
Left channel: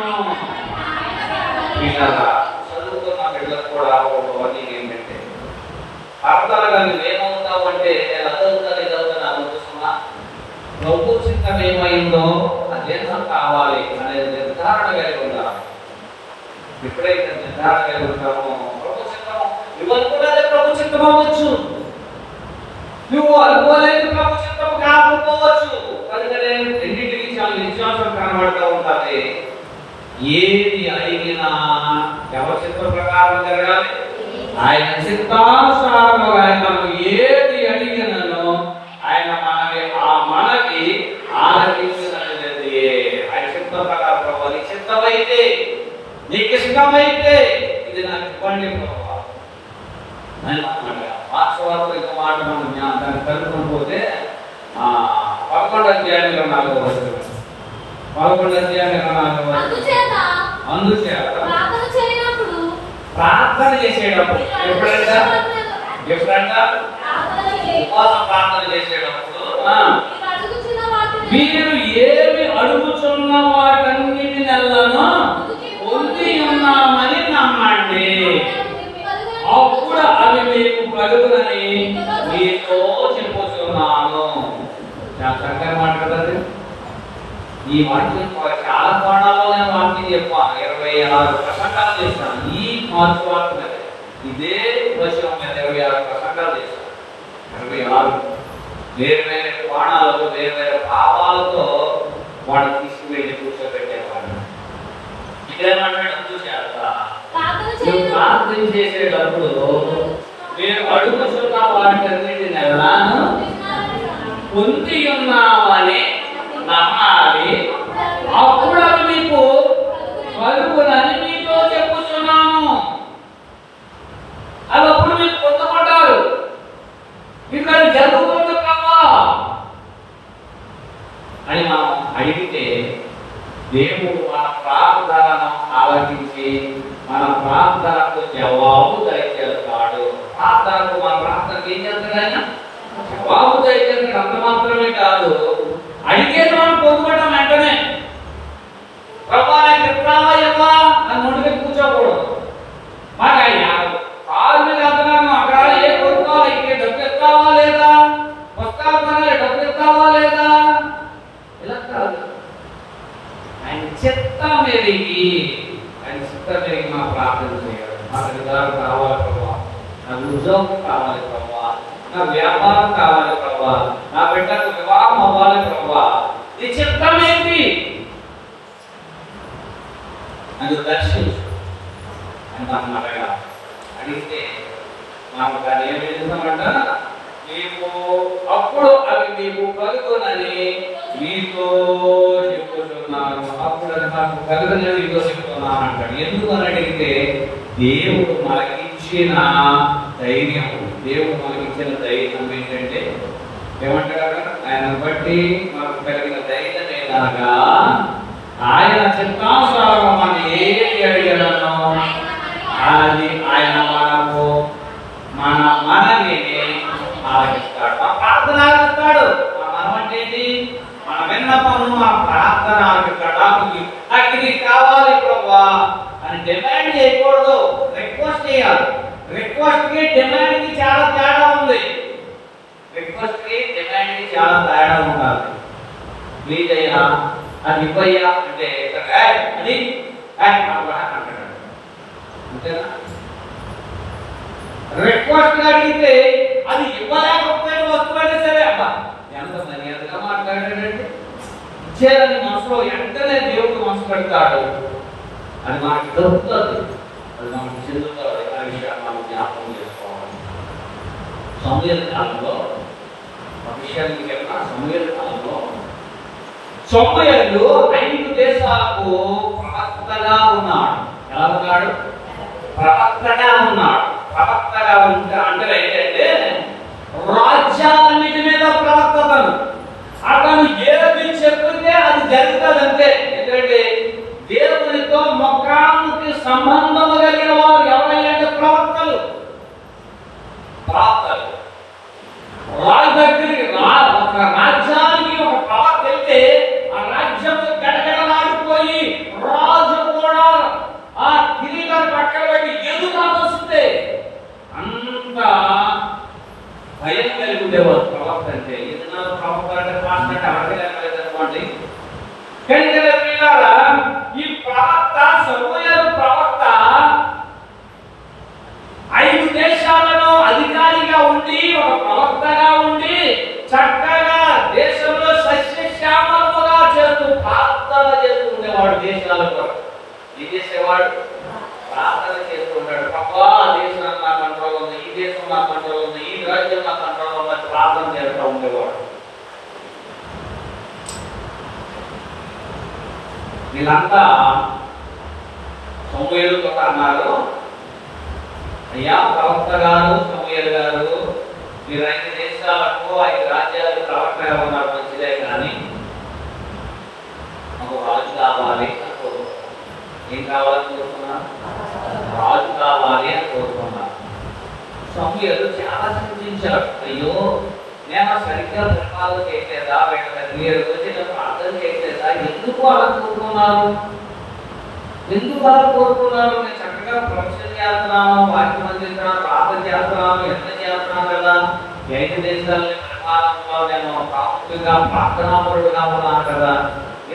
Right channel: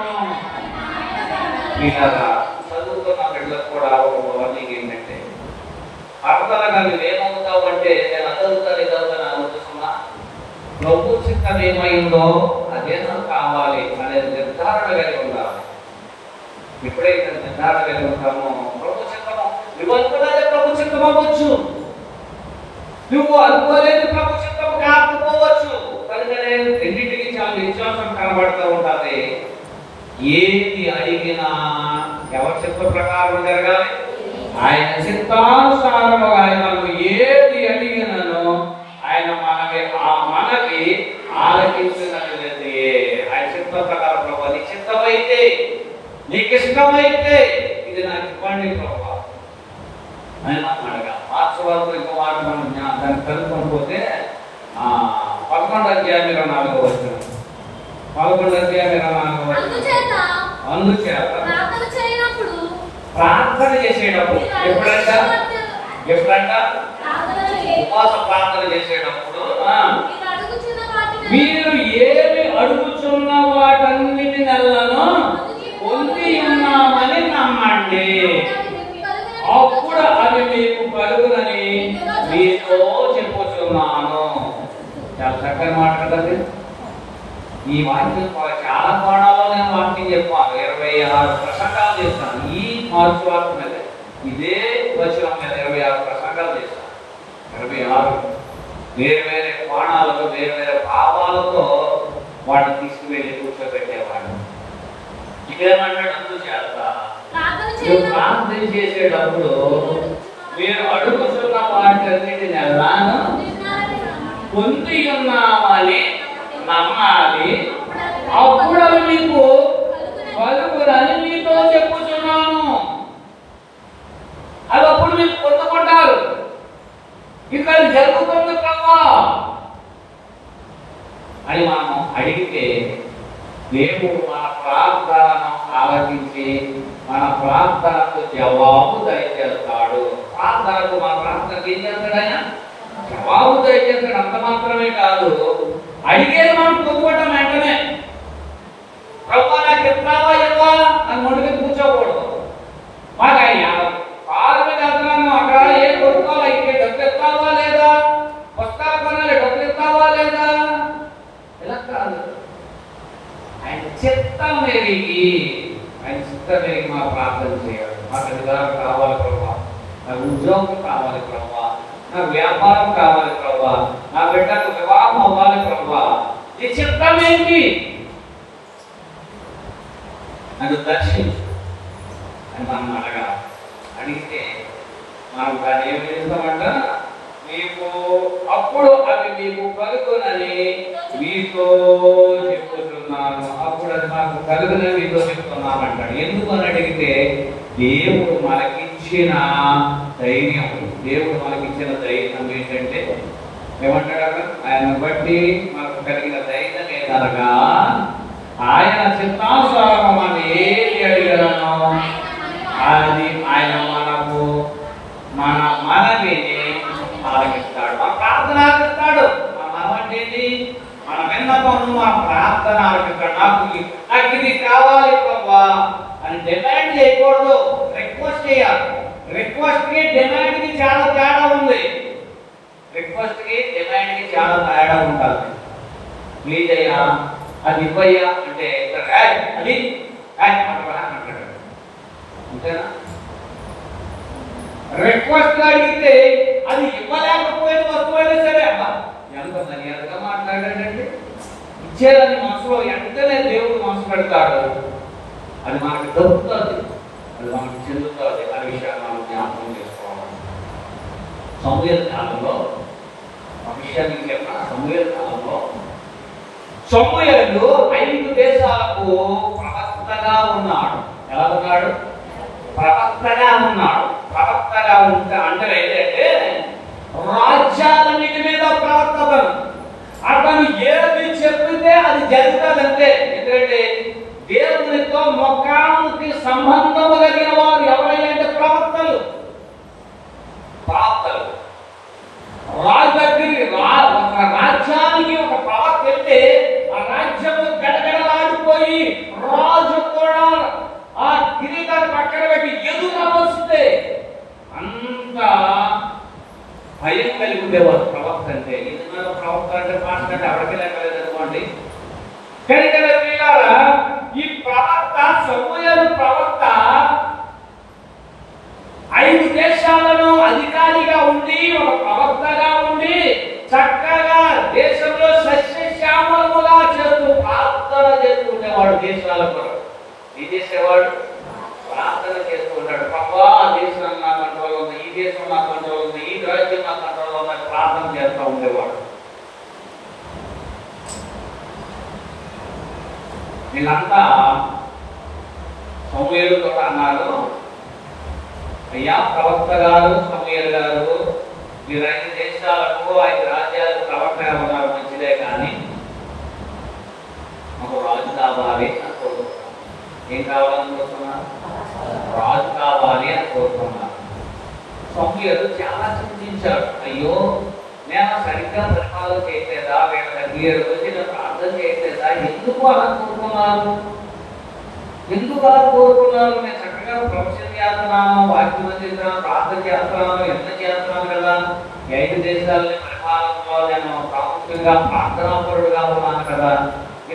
పిల్లగా చదువుతున్న బిడ్డలకు కూడా ఒక బోధన ఏంటంటే, అర్థాలుగా నువ్వేమవుతావు అంటే నేను అదవుతాను ఇదవుతాను అనుకుంటున్నా, నువ్వు చిత్తం ఏమైందో అదే నాకు కావాలి అనేది నిర్ధారణ కలిగి ఉండాలి. ఎప్పుడైతే నిర్ధారణ కలిగి ఉంటామో ప్రభు చిత్తము, నువ్వు అనుకున్నదే ప్రభు చిత్తం అవ్వచ్చు, నువ్వు అనుకోలేదు ప్రభు చిత్తము కాకపోవచ్చు. కనుకనే రెండింటికి చాలా వ్యత్యాసం కనబడతా ఉంటుంది. ఏది అడిగినా ఎవరి చిత్త ప్రకారం జరగాలి, ఆయన చిత్తానుసారముగా మనం ఏది అడిగినను ఆయన మనకి ఆలకించినది. ఆయన చిత్త ప్రకారం ప్రభు, నీ చిత్తమైతే నీకు ఇష్టమైతే ఇది నాకు ఇవ్వండి ప్రభు అని అన్నాడు. మార్క్స్ వార్త ఇంకో మాట మనం దాన్ని కనుక్కొని పోతే 11వ అధ్యాయం 24వ వచనం, 11వ అధ్యాయం 24వ వచనం. అందుచేత ప్రార్థన చేసేటప్పుడు ఎప్పుడంట ఉపవాస ప్రార్థన చేసేటప్పుడు మీరు ఏమి అడుగుచున్న వాటన్నిటి నెలను పొంది ఉన్నామని నమ్మండి, అప్పుడు అవి మీకు కలుగునని మీతో చెప్పుచున్నాను. చాలా చక్కగా మాట కదండి. ఈ వాక్యం చాలా కోణాల్లోనే వాక్యం చెప్పాను. 26 ప్రసంగాలు చేశాను ఈ మార్చి వార్త మీద, ఇదే వచనం మీద 26 ప్రసంగాలు చేశాను. 26 వేరు వేరే కోణాలతో వేరు వేరే భావాలతో వాడిని తీసుకువెళ్ళి కూర్చోబెట్టేవాడు. ఇక్కడేమన్నాడు చూసారా, నువ్వు ప్రార్థన చేసేటప్పుడు మీరు అడుగుతున్న వాటికన్నిటిని పొంది ఉన్నామని నమ్మాలి, అప్పుడు మీకు పలుకునని మీతో చెప్పుచున్నాను. అది అప్పుడు మీరు పొందుకుంటారు. ఇక్కడ జరుగుతుంది కావా అని మనం అడిగితే దేవుడు మన ప్రార్థనను ఆలకించి మన ప్రార్థనకు జవాబు దయచేస్తాడు. ప్రార్థనకు మన ప్రార్థనకు ఏం చేస్తాడు ఆయన? జవాబు దయచేస్తాడు. అంత మాత్రమే కాదు, అడిగేది మనం పొందుకోవటం వెంటనే. ప్రభా నాకు ఎప్పుడావా ఇవ్వా అని ముడికి కూర్చోకూడదు. మాకు అయ్యా కారు మీద వెళ్తున్నాను, అక్కడ ఏ కొనుక్కోవాలి, ఇంకే డబ్బు ఎత్తావా లేదా, పుస్తకాలు కొనాలి, డబ్బు ఎత్తావా లేదా, ఇలా కాదు. ఆయన చిత్తం ఎరిగి మా ప్రార్థన చేయాలి. నాకు అధికారం కావాలి ప్రభా, నాకు ఉద్యోగం కావాలి ప్రభా, నా వ్యాపారం కావాలి ప్రభా, నా బిడ్డకు వివాహం అవ్వాలి ప్రభా, నీ చిత్తం ఏంటి నన్ను దర్శించు అని మనం అడగాలి. అడిగితే మనం దాన్ని ఏం చేస్తామంట, మీకు అప్పుడు అవి మీకు కలుగునని మీతో చెప్పుతున్నాను, అప్పుడు అది నాకు కలుగునని మీతో చెప్తున్నాను అంటాడు. ఎందుకు అని అడిగితే దేవుడు మనకిచ్చిన ధైర్యం, దేవుడు మనకిచ్చిన ధైర్యం ఏంటంటే ఏమంటాడు అక్కడ? ఆయన బట్టి మనకు కలిగిన ధైర్యం ఏదనగా ఆయన చిత్తానుసారం మనం ఏది అడిగాను అది ఆయన మనకు మన మనవిని ఆలకిస్తాడు. మన ప్రార్థన ఆలకిస్తాడు. మన మనం అంటే ఏంటి? మన విన్నపము మన ప్రార్థన ఆలకిస్తాడు. నాకు ఇది కావాలి ప్రభువా అని డిమాండ్ చేయకూడదు, రిక్వెస్ట్ చేయాలి. రిక్వెస్ట్ కి డిమాండ్ కి చాలా తేడా ఉంది. రిక్వెస్ట్ కి డిమాండ్ కి చాలా తేడా ఉంటుంది. ప్లీజ్ అయ్యా అది ఇవ్వయ్యా అంటే అది అంతేనా? రిక్వెస్ట్ అడిగితే అది ఇవ్వలేకపోయిన వస్తువైనా సరే ఎంత మర్యాదగా మాట్లాడాడంటే ఇచ్చేదని మనసులో వెంటనే దేవుడు మనసు పెడతాడు. అది మనకు దొరుకుతుంది, అది మనకు చెందుతుంది. ఆ విషయాన్ని మనం జ్ఞాపకం చేసుకోవాలి. సమూయేలు కాలంలో విషయానికి చెప్పిన సమూయేలు కాలంలో సమూయేలు 5 దేశాలకు ప్రవక్తగా ఉన్నాడు. ఎలా ఉన్నాడు? ప్రవక్తగా ఉన్నాడు. ప్రవక్తగా అంటే ఏంటంటే రాజ్యాలన్నిటి మీద ప్రవక్తను. అతను ఏది చెప్తే అది జరుగుతుందంటే. ఎందుకంటే దేవునితో ముఖాముఖి సంబంధము కలిగిన వారు ఎవరైనా ప్రవక్తలు. రాజ్యానికి ఒక ప్రవక్త వెళ్తే ఆ రాజ్యము గడగడలాడిపోయి రాజు కూడా ఆ కిరీటాన్ని పక్కన పెట్టి ఎదురొస్తే అంత భయం కలిగి ఉండేవారు ప్రవక్త అంటే. ఏదైనా ప్రవక్త అంటే మాట్లాడే ఎవరికి లెక్కలేదనుకోండి. ఈ ప్రవక్త సమూయేలు ప్రవక్త 5 దేశాలను అధికారిగా ఉండి ఒక ప్రవక్తగా ఉండి చక్కగా దేశంలో సస్యశ్యామలముగా చేస్తూ ప్రార్థన చేసుకునేవాడు. దేశాల కొరకు ఏం చేసేవాడు? ప్రార్థన చేసుకుంటాడు. ప్రభువా ఆ దేశం నా కంట్రోల్ ఉంది, ఈ దేశం నా కంట్రోల్ ఉంది, ఈ రాజ్యం నా కంట్రోల్ ఉందని ప్రార్థన చేస్తూ ఉండేవాడు. వీళ్ళంతా సమూయేలు కూడా అన్నారు, అయ్యా ప్రవక్త గారు సమూయేలు గారు మీరు 5 దేశాలకు 5 రాజ్యాలు ప్రవక్తగా ఉన్నారు, మంచిదే, కానీ మాకు రాజు కావాలి అని కోరుకున్నాను. ఏం కావాలని కోరుకున్నా? రాజు కావాలి అని కోరుకున్నాను. సమూయేలు చాలా చింతించారు. అయ్యో నేను సరిగ్గా పరిపాలన చేయట్లేదా, మీరు ప్రార్థన చేయట్లేదా, ఎందుకు అలా కోరుకున్నారు? ఎందుకు అలా కోరుకున్నారు? నేను చక్కగా ప్రొఫెషన్ చేస్తున్నాను, వాక్యం చేస్తున్నాను, ప్రార్థన చేస్తున్నాను, ఎంత చేస్తున్నాను కదా. 5 దేశాలని పరిపాలనలో నేను ప్రాముఖ్యంగా ప్రార్థనాపరుడుగా ఉన్నాను కదా.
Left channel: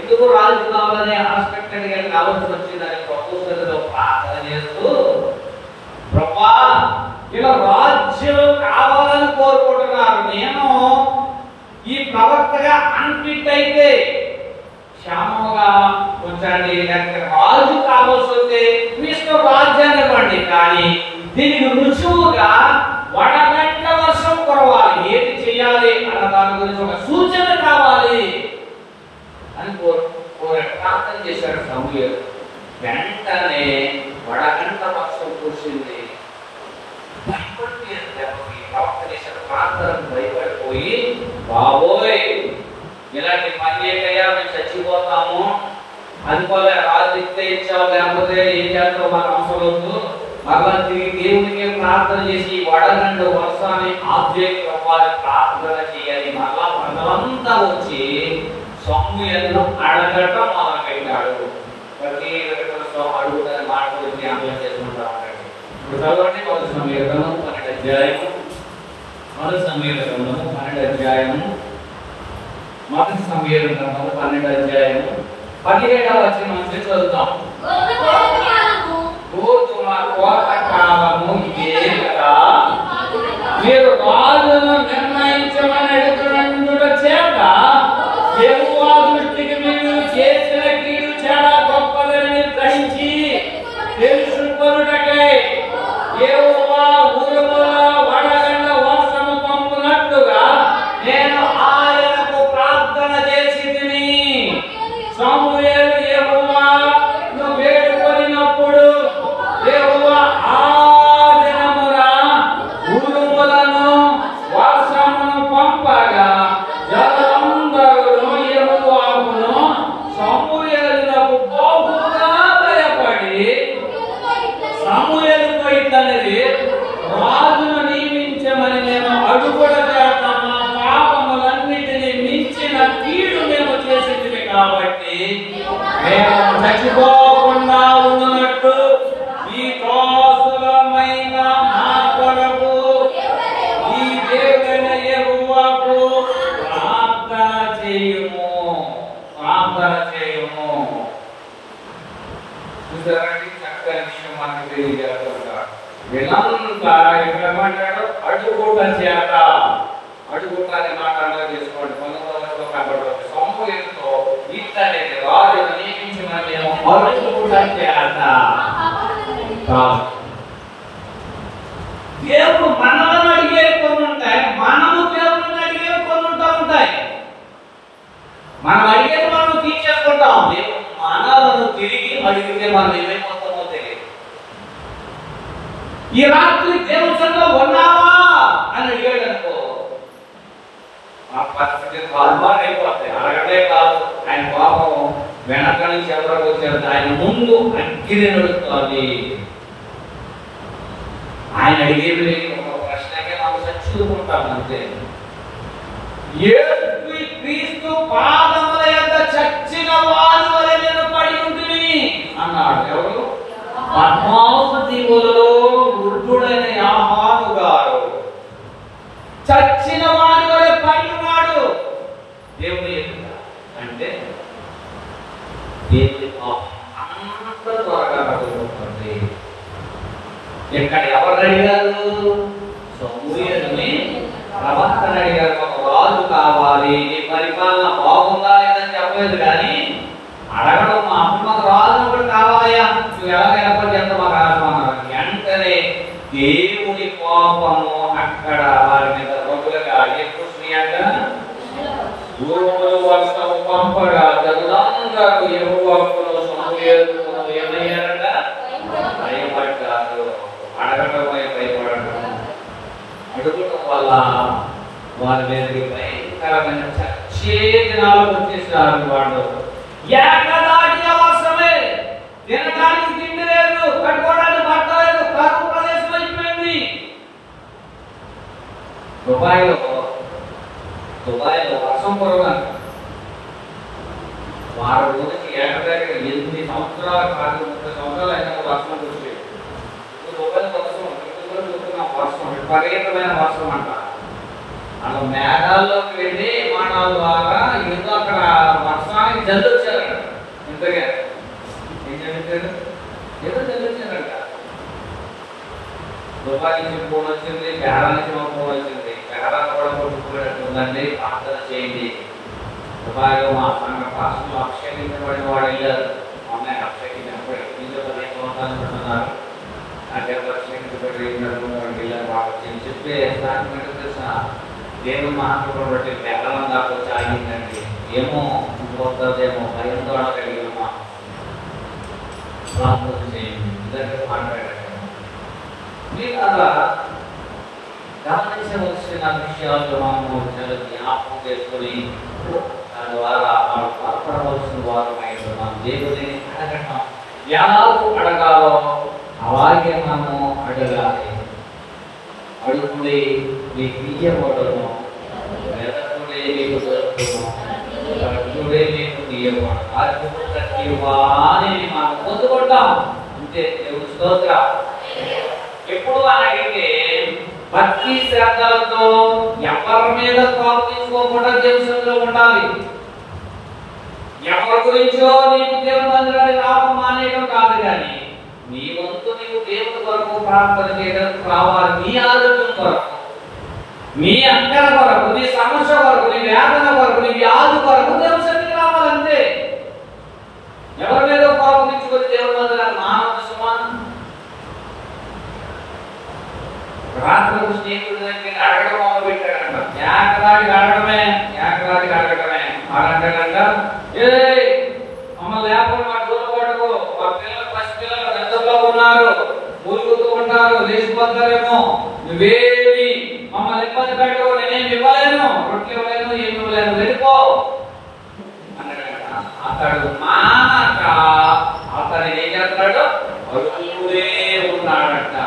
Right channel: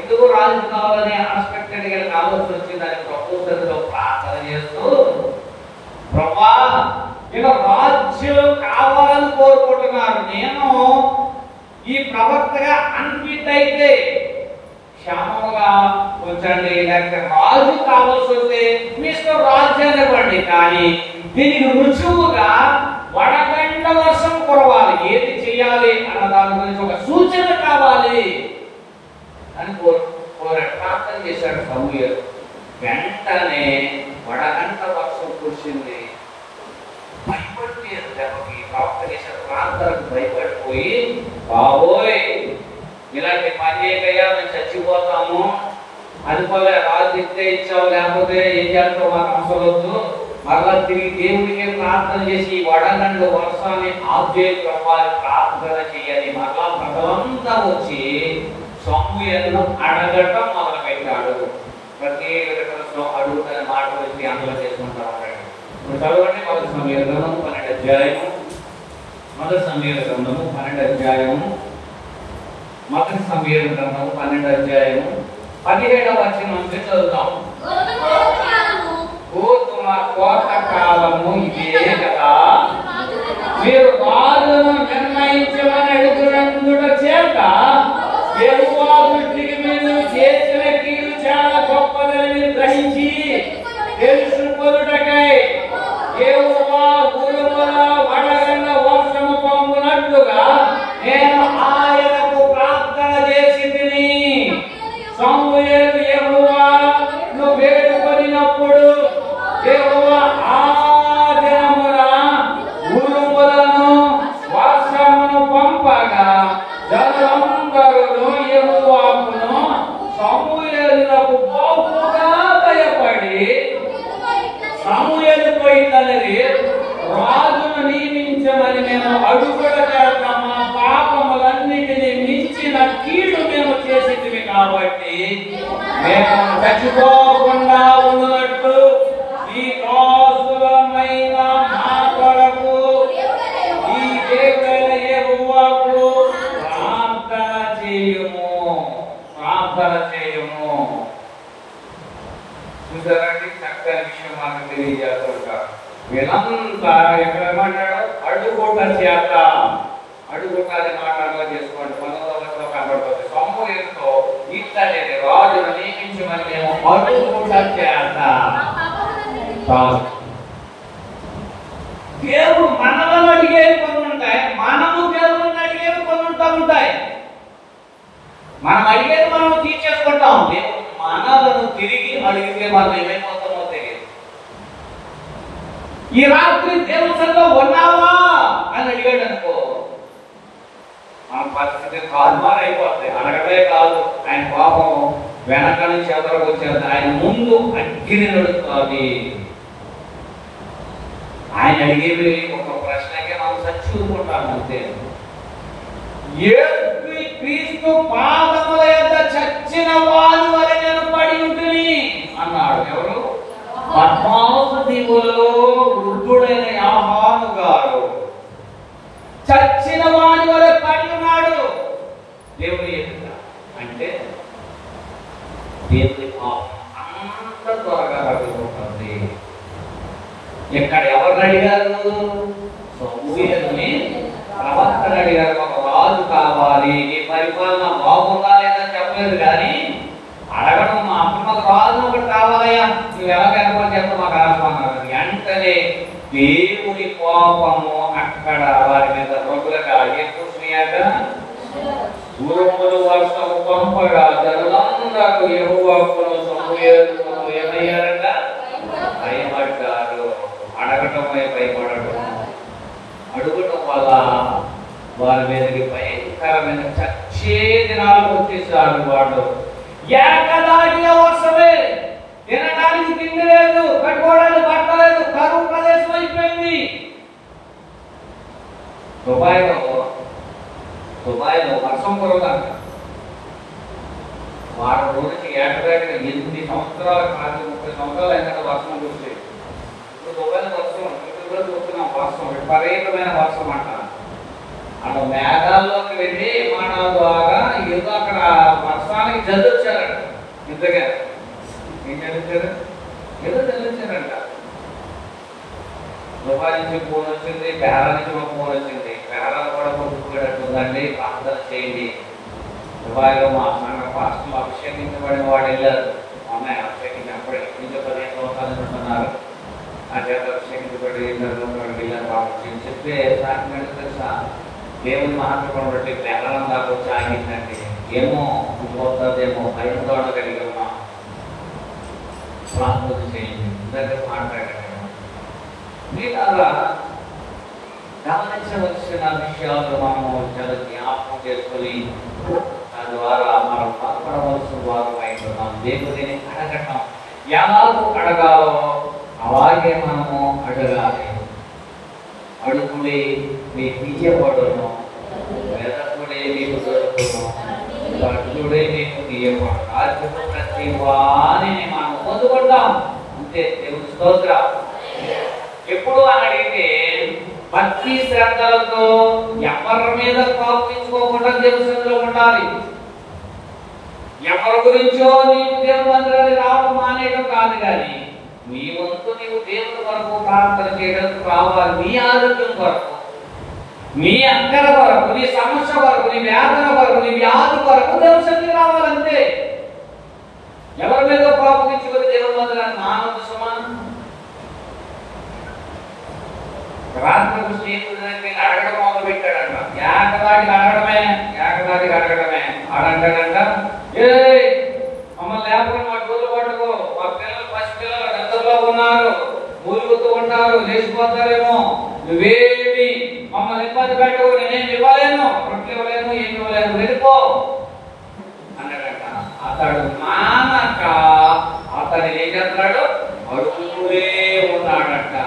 ఎందుకు రాజు కావాలని అన్ఎక్స్పెక్టెడ్ గా ఆలోచన వచ్చి దానికి ప్రపోజల్తో ప్రార్థన చేస్తూ ప్రభువా ఇలా రాజ్యం కావాలని కోరుకుంటున్నారు. నేను ఈ ప్రవక్తగా అన్ఫిట్ అయితే క్షేమంగా ఉంచండి, లేకపోతే రాజు కావాల్సి వస్తే మిస్టర్ రాజ్యాన్ని ఇవ్వండి, కానీ దీనికి రుజువుగా వడగండ వర్షం కురవాలి. ఏది చెయ్యాలి అన్న దాని గురించి ఒక సూచన కావాలి అని ప్రార్థన చేశాడు సమూయేలు. వెంటనే వడగండ వర్షం కురిసింది. భయపడిపోయారు. దెబ్బకి ప్రవక్త చేసిన ప్రార్థనకు భయపడిపోయి, బాబోయ్ ఇలాంటి పని చేయకయ్యా, మేము చచ్చిపోతాము, అనుకోలే, రాజు ఇచ్చే ఇచ్చావు, లేకపోతే ఏం చేస్తావు మాకు అవసరవద్దు, మరలా తిరిగి దేవునికి ప్రార్థన చేసి వడగండు వర్షాన్ని ఆబ్జెక్ట్ ప్రార్థన చేయాలి. మరలా ప్రజలంతా వచ్చి సమూయేలును అడగటం మొదలు పెట్టాడు. ప్రతి స్వామి అడుగుతారని మాటలు వచ్చి అమలు చేసుకుంటా ఉంటాడు. ఇప్పుడు చదవండి మొదటి సమూయేలు గ్రంథము 12వ అధ్యాయము. మొదటి సమూయేలు గ్రంథము 12వ అధ్యాయము. మొదటి సమూయేలు గ్రంథము 12వ అధ్యాయము 17వ వచనం నుంచి చదువుతాం. గోధుమ కోత కాలము ఇదే కదా, మీరు రాజులను నిర్ణయించమని అడుగుతున్నందున చేత యెహోవా దృష్టికి మీరు చేసిన కీడు చాలా గొప్పదని గ్రహించి తెలుసుకొనుటకై యెహోవా ఉరుముల వడగండ్ల వర్షము పంపునట్లుగా నేను ఆయనకు ప్రార్థన చేసి తిని. సమూయేలు యెహోవా నువ్వు వేడుకొనినప్పుడు యెహోవా మేము చచ్చిపోకుండా ఉన్నట్టు ఈ క్రోసులమైన మా కొరకు ఈ దేవుడైన యెహోవాకు ప్రార్థన చేయము. చూసారండి, చక్కని విషయం మనకు తెలియజేస్తాడు. వీళ్ళంతా ఏమంటాడు, అడుగుట చేత. అడుగుట అనే మాట అర్థం చేసుకోండి. 19వ కాబట్టి సమూయేలుతో ఇట్లనే రాజును నియమించమని అడుగుట చేత. దేవుడు మనలను అడిగే కొన్ని ఉంటాయి, మనము దేవుడిని అడిగే కొన్ని ఉంటాయి. మనం అడిగేది మనం తీర్చేసుకుంటాం. మనలను తిరిగి అడిగితే మనం ఏమైపోతామో తెలియదు. ఈ రాత్రి దేవుడిలో ఉన్నావా అని అడిగాడు అనుకో, ఆ పరిస్థితి కాలుమారైపోతాయి. అడగడే కాదు, ఆయన పాపం వెనక నుంచి ఎవరికి వచ్చేది, ఆయన ముందు అగ్గిని నడుస్తుంది. ఆయన అడిగేవి ఒక ప్రశ్నకే మనం చచ్చుకుంటాం అంతే. క్రీస్తు పాదముల యొద్ద చచ్చిన వాని వలె నేను పడి ఉంటుంది అన్నాడు. ఎవరు? పద్మాసు దీవులలో వృద్ధుడైన యాహాను గారు చచ్చిన వాని వలె పడి ఉన్నాడు. దేవుని అంటే దేవుని పాపం అంత త్వరగా తగ్గిపోతుంది. ఇక్కడ ఎవరిని అడిగారు? సమూయేలుని ప్రవక్తను అడిగారు. ఒక రాజు కావాలి, నీ పరిపాలన బాగుందా లేదని చెప్పలేదు, కానీ అడగడం అప్పుడు మాకు రాజు ఒకటి కావాలయ్యా, నువ్వు ఎలాగైనా చేత మాకు ఆరాధన. వెంటనే దేవుని కోపము అక్కడ వారి మీద మొదలుగా భూములు వర్షము పంపగా జనులందరూ యెహోవాకు సమూయేలుకు ఏమయ్యారంట? భయపడ్డారు. అడగటమే భయపడటం. అడుగటం వల్ల వారి మీదకి భయంకరమైన చచ్చే దినాలు వచ్చేసారు. వాడు ఏకదాటి అవసరమే, తినడానికి తిండి లేదు, కట్టుకోవడానికి బట్ట లేదు, కరువు ప్రదేశం అయిపోయింది. దుబాయ్లో వర్షం కురవంట. వారి రోజుకి ఏకదాటిగా 8 సంవత్సరాలు 30 సంవత్సరాలు అయినా వర్షం వచ్చేది. దుబాయ్ వర్షం వర్షం విపరీతమైన వర్షం అంటారు. అలా మేఘాల్లోకి వెళ్ళి విమానాల ద్వారా ఏదో అక్కడ వర్షానికి జల్లుచ్చారంట. ఇంతగా ఏం జల్లించారు? ఏదో జల్లించారంట. దుబాయ్ నుంచి ఫోన్ వచ్చింది, బెహరా నుంచి ఒక ఫోన్ వచ్చింది. బెహరా కూడా పుట్టుకోవట్టుందండి, ప్రార్థన చేయండి. దుబాయ్లో మా సంఘ పాస్టర్లు అభిషేకించబడిన వాడు వెళ్ళారు. అమ్మాయి అభిషేకించారు, అనుకుంటున్నారు. చెప్పే నాకు తెలుసా, దేవుని మాట్లాడబట్టి బెల్లం దాకా వచ్చి ఆగిందండి. ఏమో వస్తుందేమో భయం కూడా కలిగి ఉన్నాం. ప్రార్థన చేయండి, ఇలాంటి మాట్లాడారు. మీరు అలా గమనించవలసిన విషయాల్లో మనము చాలా జ్ఞాపకం చేసుకుని దాని ద్వారా మనం బలపడవలసిన వారు ఉన్నాం. దేవుడిని అడగటం ఎలాగూ అడగాలో అలాగే మనము అడగాలి. అడుగుడే మీకు ఇయ్యబడును, వెదకుడే మీకు దొరుకును, అడుగుడే మీకు తీయబడును. ప్రతి వారిని మనం పొందుకుంటాం అంతే. దేవుని స్తోత్రం. ఎప్పుడు అని అడిగితే భక్తి శ్రద్ధలతో ఎవరి మీద ప్రవర్తించుకోకుండా దేవునిలో ఉండాలి. ఎవరి గురించో నీకు దేవుని దగ్గర రావడం మానేయడం కాదు, కానీ నీ వంతు నీవు దేవుని వరకు ప్రార్థన చేయడానికి రావాలి. నీ ఆరోగ్యం కొరకు, నీ అంకల కొరకు, నీ సమస్య కొరకు, నీ వేదన కొరకు, నీ వ్యాధి కొరకు దేవునికి రావాలంతే. ఎవరి మీద ప్రవర్తించుకొని దేవుని వద్ద మానవ సమానం. రాత్రి స్నేహితుడి దగ్గర అడగడం మొదలు పెట్టాడంట. ఏకదాటికి అడగడమే అడంటాడంట. మమ్మల్ని లేకపోతే మా డోలు పట్టుకో, మా పిల్లలు పసిపిల్లలు గతంలో ఉన్నారు, ఊరుకుతూ ఉంటారు, లేచిపోతారేమో, నువ్వేమి మమ్మల్ని ఇబ్బంది పెట్టవు, నేనేమి ఇవ్వలేను, రొట్టెలు ఇవ్వలేను, ఏమి ఇవ్వలేను, వెళ్ళిపో అన్నాడంట. అతడు మానక అతను ఏం చేస్తున్నాడు? అడుగుతూనే ఉన్నాడంట.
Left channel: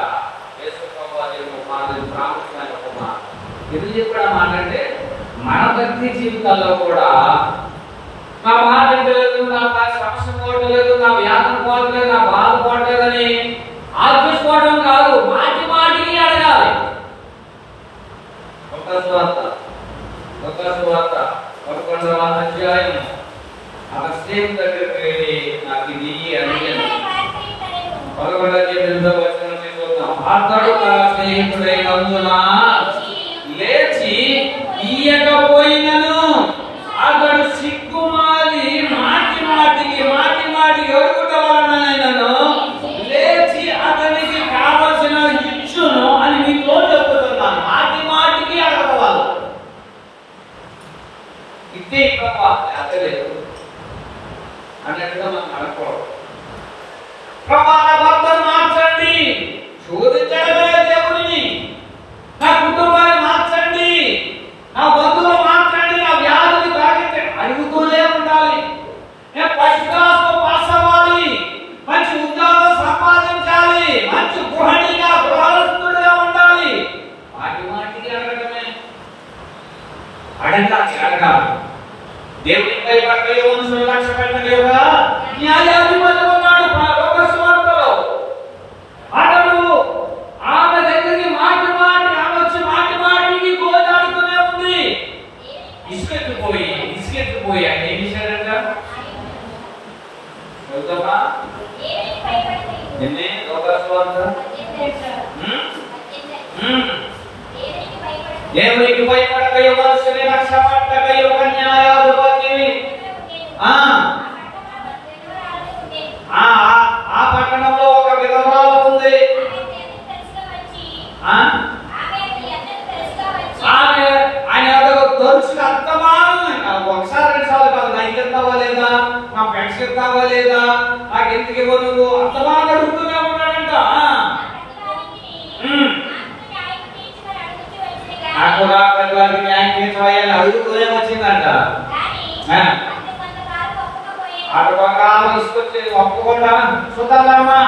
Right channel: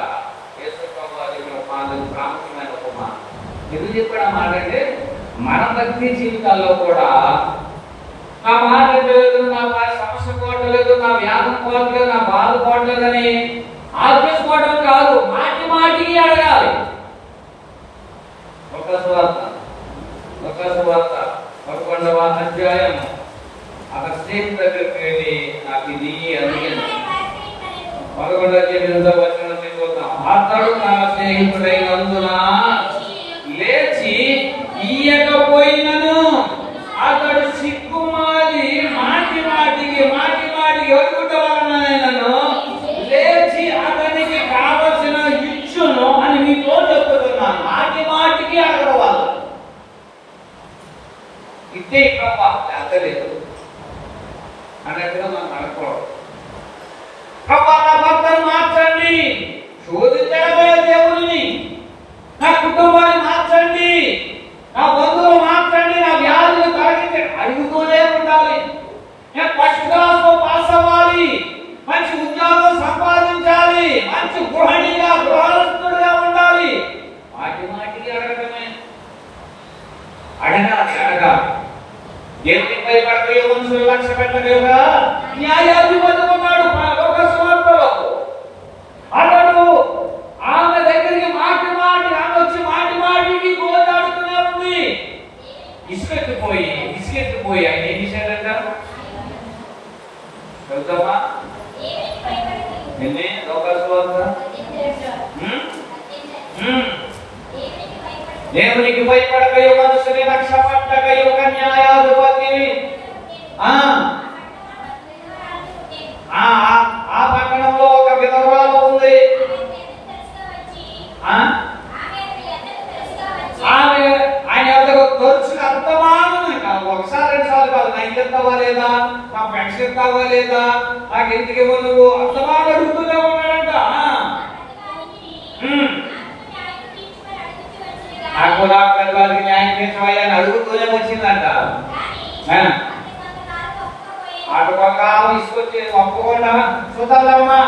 ఎందుకు చెప్పాడు మాట అంటే, మన భక్తి జీవితాల్లో కూడా నా మాట లేదు, నా సమస్య కష్టం పోవట్లేదు, నా వ్యాధం పోవట్లేదు, నా బాధ పోవట్లేదని ఆలోచించుకోవడం కాదు, మాటి మాటికి అడగాలి. ఒక సువార్త 11వ అధ్యాయం అక్కడ స్నేహితుడి దగ్గరికి వెళ్ళి నాకు ఇది అడిగాను. 11వ అధ్యాయంలో వచ్చిన చూద్దాం. అతడు తన స్నేహితుడైనందున లేచి ఇయ్యకపోయినను అతడు సిగ్గుమాలి మాటి మాటికి అడుగుట వలనైనను లేచి అతనికి కావలసిన ఇచ్చును అని మీతో చెప్తున్నాను. మాటి మాటికి అడగడం వల్ల ఇదే లేదు అన్నట్టుగా మనం అడగకూడదు. ప్రభావ భక్తులు మార్చండి, శోధించడమే దేవుడిని. నా కుటుంబాన్ని మార్చండి, నా బంధువులు మార్చండి, నా వ్యాధులు తాగించండి అడుగుతూనే ఉండాలి. నేను ఫస్ట్ క్లాస్ పాస్ అవ్వాలి, మంచి ఉద్యోగం సంపాదించాలి, మంచి గృహస్థుడిగా ఉండాలి. మాటికి అడగడమే. అడగాలి. దేవుని భయపడకపోయే మనుషులు లక్ష్య పెట్టలేవుగా న్యాయాధిపతి ఉన్నాడు లోక సువార్తలో. అతడు ఆమె దగ్గరికి మాటి ఆమె వచ్చి మాటికి పోరాడుతూనే ఉంది. ఇసుకెత్తిపోయి ఆయన ఏం చేశాడంట? వెళ్తామా నిన్నే లోక సువార్త దేవునికి భయపడకయో మనుషుని లక్ష్య పెట్టకయో న్యాయాధిపతిని. ఆ పట్టణంలో ఒక విధవరాలు ఉంది. ఆయన తరచుగా అర్థమానం ఒకసారి 2 సార్లు కాదు, నా ఇల్లు ఎత్తావా లేదా, మా పెన్షన్ ఎత్తావా లేదా, నాకు ఎందుకు ఇవ్వను, అర్థమానం అడుగుతూనే ఉన్నాడంట. నాకు న్యాయం తీర్చవయ్యని అడుగుతూనే వచ్చిందంట. అటు బంగారం తీసుకొచ్చి ఒప్పుకోండా చూద్దామా,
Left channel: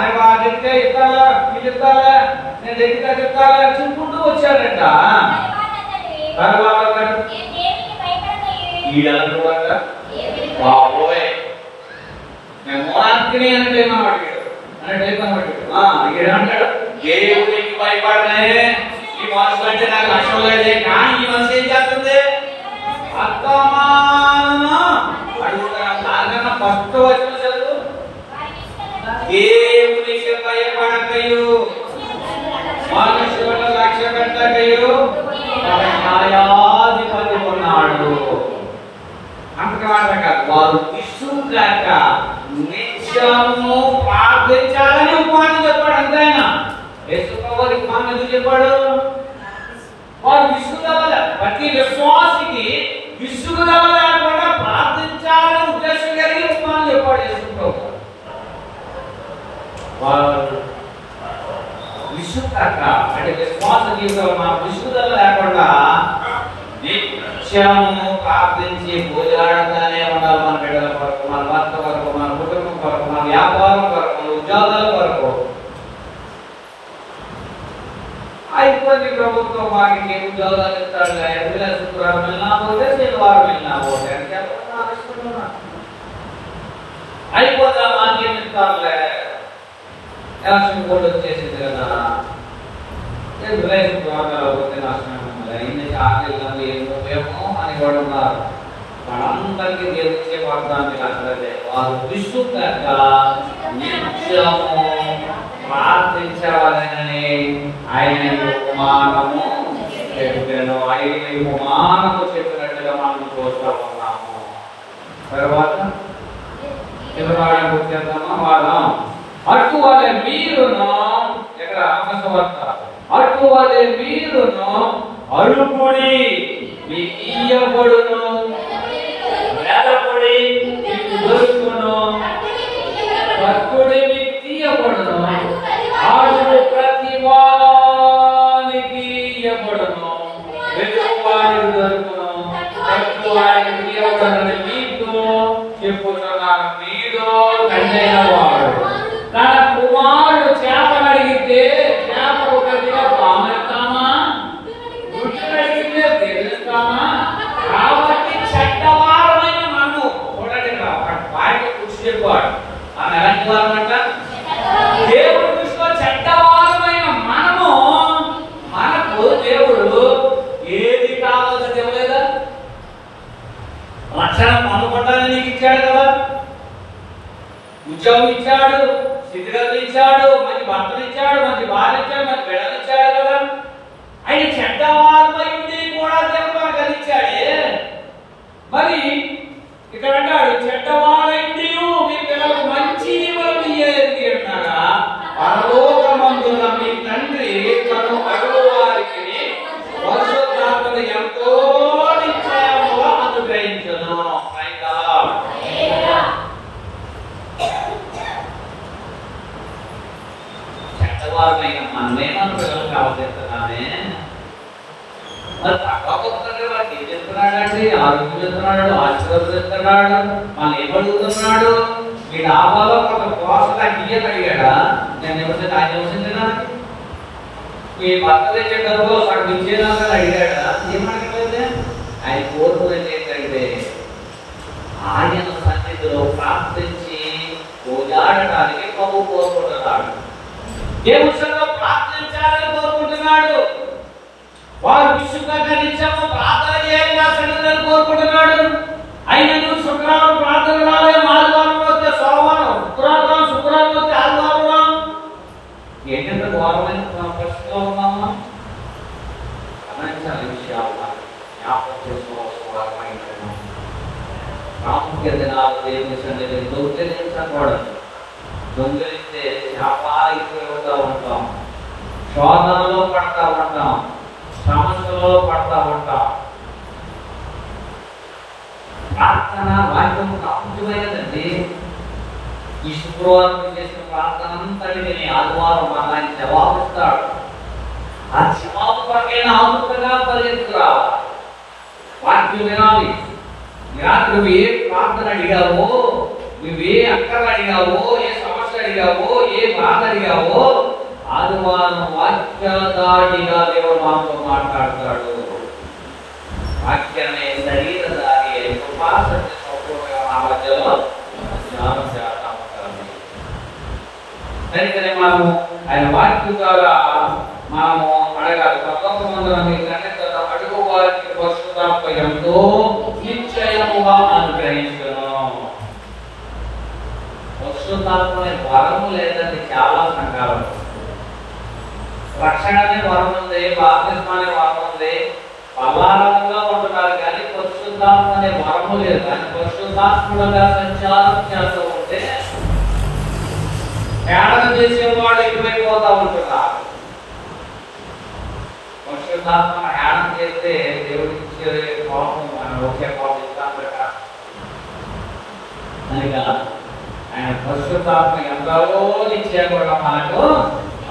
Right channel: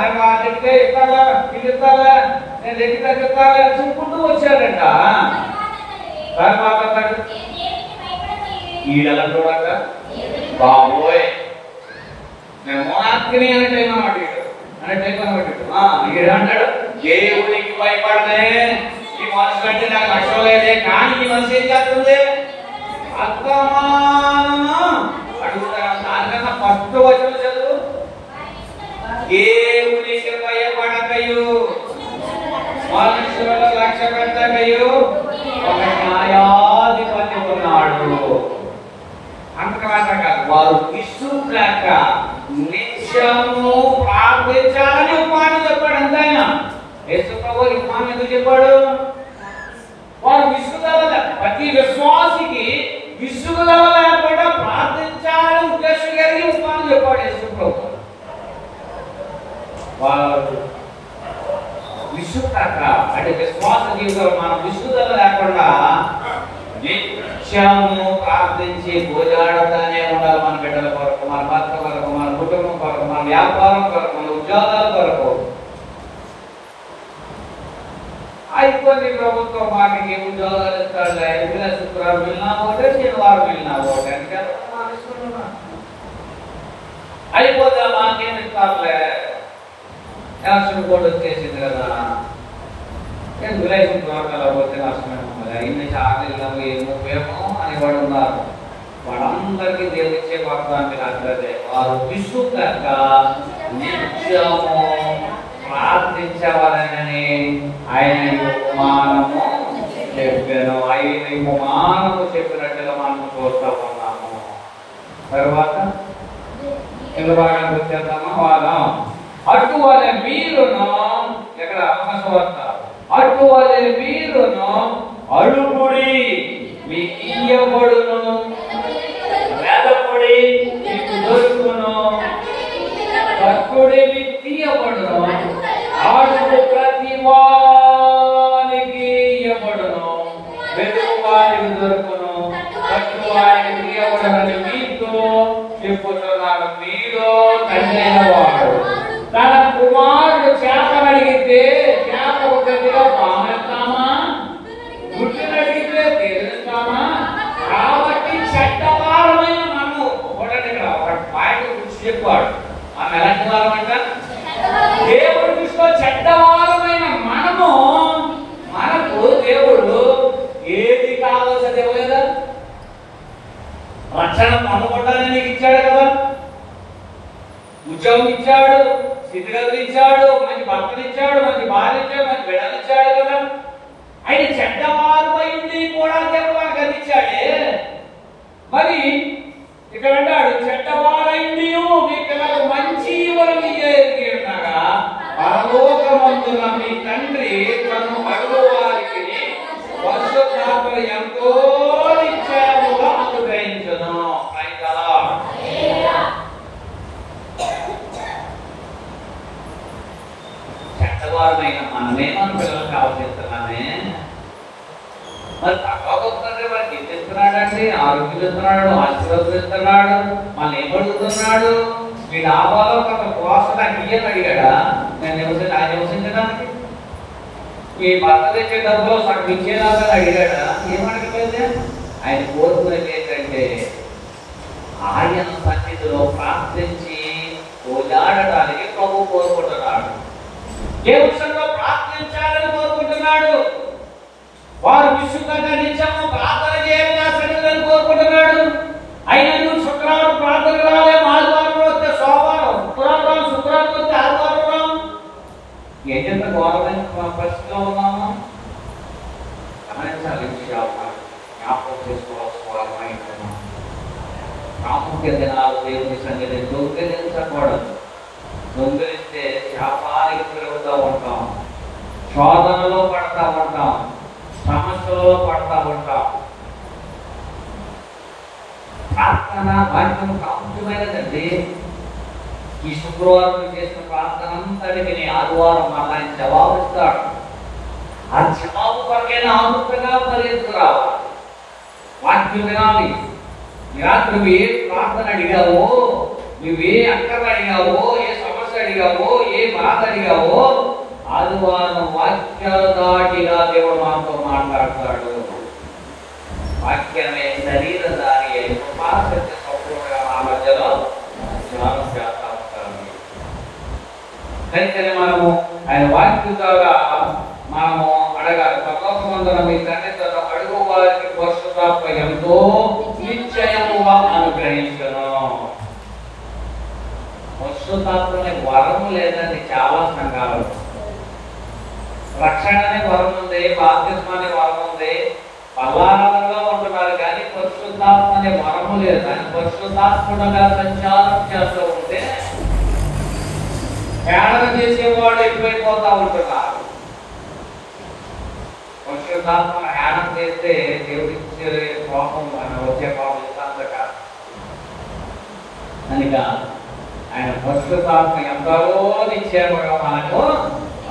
నేను దగ్గర ఎత్తాలా ఇల్లు ఎత్తాలా, నేను దగ్గర చెప్తాలా చెప్పుకుంటూ వచ్చాడంట. తర్వాత ఈడనుకోట బాబోయ్ నేను మోనాత్కిని అంటే అంటాడు దేవుడికి భయపడనే ఈ మనసు అంటే నాకు లక్ష్యం లేదే. కానీ ఈ మనసు ఏం చేస్తుంది? అడుగుతాను. దానికన్నా ఫస్ట్ వచ్చిన చదువు దేవునికి భయపడకయు మనుషుల లక్ష్య పెట్టకయు న్యాయాధిపతి ఉన్నాడు. అంతమాట కాదు, వారు విసుగాక నిత్యము ప్రార్థించాలని ఉపమానం చెప్పాడు. అంతేనా? యేసుప్రభువు ఉపమానం ఎందుకు చెప్పాడు? వారు విసుగుదల, ప్రతి విశ్వాసికి విసుగుదల లేకుండా ప్రార్థించాలని ఉద్దేశం కలిగి ఉపమానం చెప్పాడు యేసుప్రభువు. వారు విసుగాక అంటే విశ్వాస జీవితంలో మన విసుగుదల లేకుండా నిత్యము ప్రార్థించి పూజలాడుతూనే ఉండాలి. మన బిడ్డల కొరకు, మన భర్త కొరకు, మన కుటుంబం కొరకు, మన వ్యాపారం కొరకు, మన ఉద్యోగాల కొరకు. అయిపోయింది ప్రభుత్వం మాకు ఉద్యోగాలు ఇస్తాడు, శుక్రవారం వెళ్ళినా పోతే శనివారం వెళ్ళినా పోతే అయిపోతే మాకేం ఇస్తారులే, ఎలక్షన్ కోడ్ వచ్చేసింది కదా, శుక్రవారం పోతే నష్టం ఇన్ని చార్జీలు ఏమో అని కూడా ఉన్నారు. వాళ్ళందరికీ దేవుడిచ్చే వాగ్దానం రాకపోతే వారు విసుగక నిత్యము ప్రార్థించవలనని ఆయన ఉపమానము చెప్పారు. ఆయన ఉపమానము చెప్పినట్టుగా మనం చూస్తూ ఉన్నాము. తర్వాత వాదం అటువలే మీరును ఎక్కడ అవకాశవార్త అటువలే మీరును అడుగుడి మీకు ఇయ్యబడును, వేదపడి మీకు దొరుకును, భక్తుడే మీకు తీయబడును, ఆడు ప్రతి వానికి ఇయ్యబడును, వెతుకువానికి దొరుకును, భక్తువానికి తీయబడునని మీతో చెప్పుతున్నాను. మీలో తండ్రైన వాడు తన కుమారుడు చేపలు అడిగితే చేపలు ప్రతిగా పామేస్తామా, గుడ్డును అడిగితే తెలుస్తామా? కాబట్టి చెడ్డవారమైన నన్ను చూడండి, మనం ఎలాంటి వారమంట? దేవుడి దృష్టిలో చెడ్డవారమైన మనము, మనకు దేవుడు ఏది కావాల్సిన ఇవ్వలేదా? రక్షణ పొందడానికి నీకు ఇచ్చాడు కదా, ఉద్యోగం ఇచ్చాడు, స్థితిగతులు ఇచ్చాడు, మంచి భర్తలు ఇచ్చాడు, మంచి భార్య ఇచ్చాడు, మంచి బిడ్డలు ఇచ్చాడు కదా. ఆయన చెడ్డవారమై ఉండి కూడా దేవుడు మనకు అది ఇచ్చాడే. మరి ఇక్కడ అంటాడు చెడ్డవారై నీవు మీ పిల్లలకు మంచి వరం ఇయ్యేది అంటాగా, పరలోకమందున మీ తండ్రి తను అడుగు వారికి పరిశుద్ధాత్మను ఎంతో నిశ్చయముగా అనుగ్రహించును. చెడ్డవారమైన మనమేనా పిల్లలకు అవసరిస్తున్నామే? మరి తగ్గకపోతుందంటే వారికి ఏం చేస్తున్నాడండి? ఆరోగ్యం చేస్తున్నాడు, ఆశీర్వదిస్తున్నాడు, వాళ్ళు ఏమడుగుతున్నాడు? మీ డాబాలో కొంత కోసగా ఇయ్యని అడిగాడా? నేను నివసించడానికి మీ భర్త దగ్గర డబ్బులో సగం ఇచ్చేదాకా అడిగాడా? ఏమడగలేదు. ఆయన కోరుకునేది ఏంటంటే ఆయన సన్నిధిలో ప్రార్థించి ఓదాడటానికి ప్రభు కోరుకుంటున్నాడు. ఏ విషయంలో ప్రార్థించాలని కోరుకుంటున్నాడు? వారు విసుగగా నిత్యము ప్రార్థన చేయాలి సన్నిధిని కోరుకుంటున్నాడు. అయినను శుక్రవారం ప్రార్థన రాలేము, ఆదివారం వస్తే సోమవారం, శుక్రవారం వస్తే ఆదివారం. ఏంటంత ఘోరమైన పరిస్థితిలో ఉన్నామా? గమనించాలి విషయాలు జ్ఞాపకం చేసుకోవాల్సిన ప్రాముఖ్యత నాలుగు దేవుని సన్నిధి దొంగిలించకూడదు. దొంగిలిస్తే శాపానికి గురవుతూ ఉంటాం, శోధనలో పడతా ఉంటాం, సమస్యలో పడతా ఉంటాం. ప్రార్థన వాక్యం ప్రాముఖ్యమైనదండి. ఈ శుక్రవారం చేసిన ప్రార్థన అంతటికి ఆదివారం మళ్ళీ జవాబిస్తాడు. ఆ జవాబు కొరకైనా ఆతృతగా పరిగెత్తుకురావాలి. వాక్యం వినాలి. నువ్వు ఏ ప్రార్థన అడిగావో, నువ్వే అక్కర అడిగావో, ఏ సమస్య అడిగావో, ఏ బాధ అడిగావో ఆదివారం వాక్యదాటిగా దేవుడు మనతో మాట్లాడతాడు. వాక్యమే శరీరధారి అయి ఉపాసన మా మధ్యలో ధ్యానం చేస్తా ఉంటారు. కనుకనే మనము ఆయన వాక్యం ద్వారా మనము అడగాలి. పరలోకమందున మీ తండ్రి అడుగు వారికి పరిశుద్ధాత్మ ఎంతో నిశ్చయముగా అనుగ్రహించును. పరిశుద్ధాత్మ అనే వరం లేదని చాలా సంఘాలు. రక్షణ అనే వరం ఉంది, బాప్తిస్మం అనే వరం ఉంది, బలారంగా ఉంటున్నారు కానీ పరిశుద్ధాత్మ అనే వరము లేదు. కానీ పరిశుద్ధాత్ముడుగా సంచారం చేస్తూ ఉంటే తేడా చేసేవాడు ఎక్కువైపోతూ ఉంటున్నారు. పరిశుద్ధాత్మ హేళన చేస్తే దేవుడిచ్చే కోపం ఒకే కోపం ఇస్తాంతట. కనుక ఆయన పరిశుద్ధాత్మ ఎంతో నిశ్చయంగా మనకు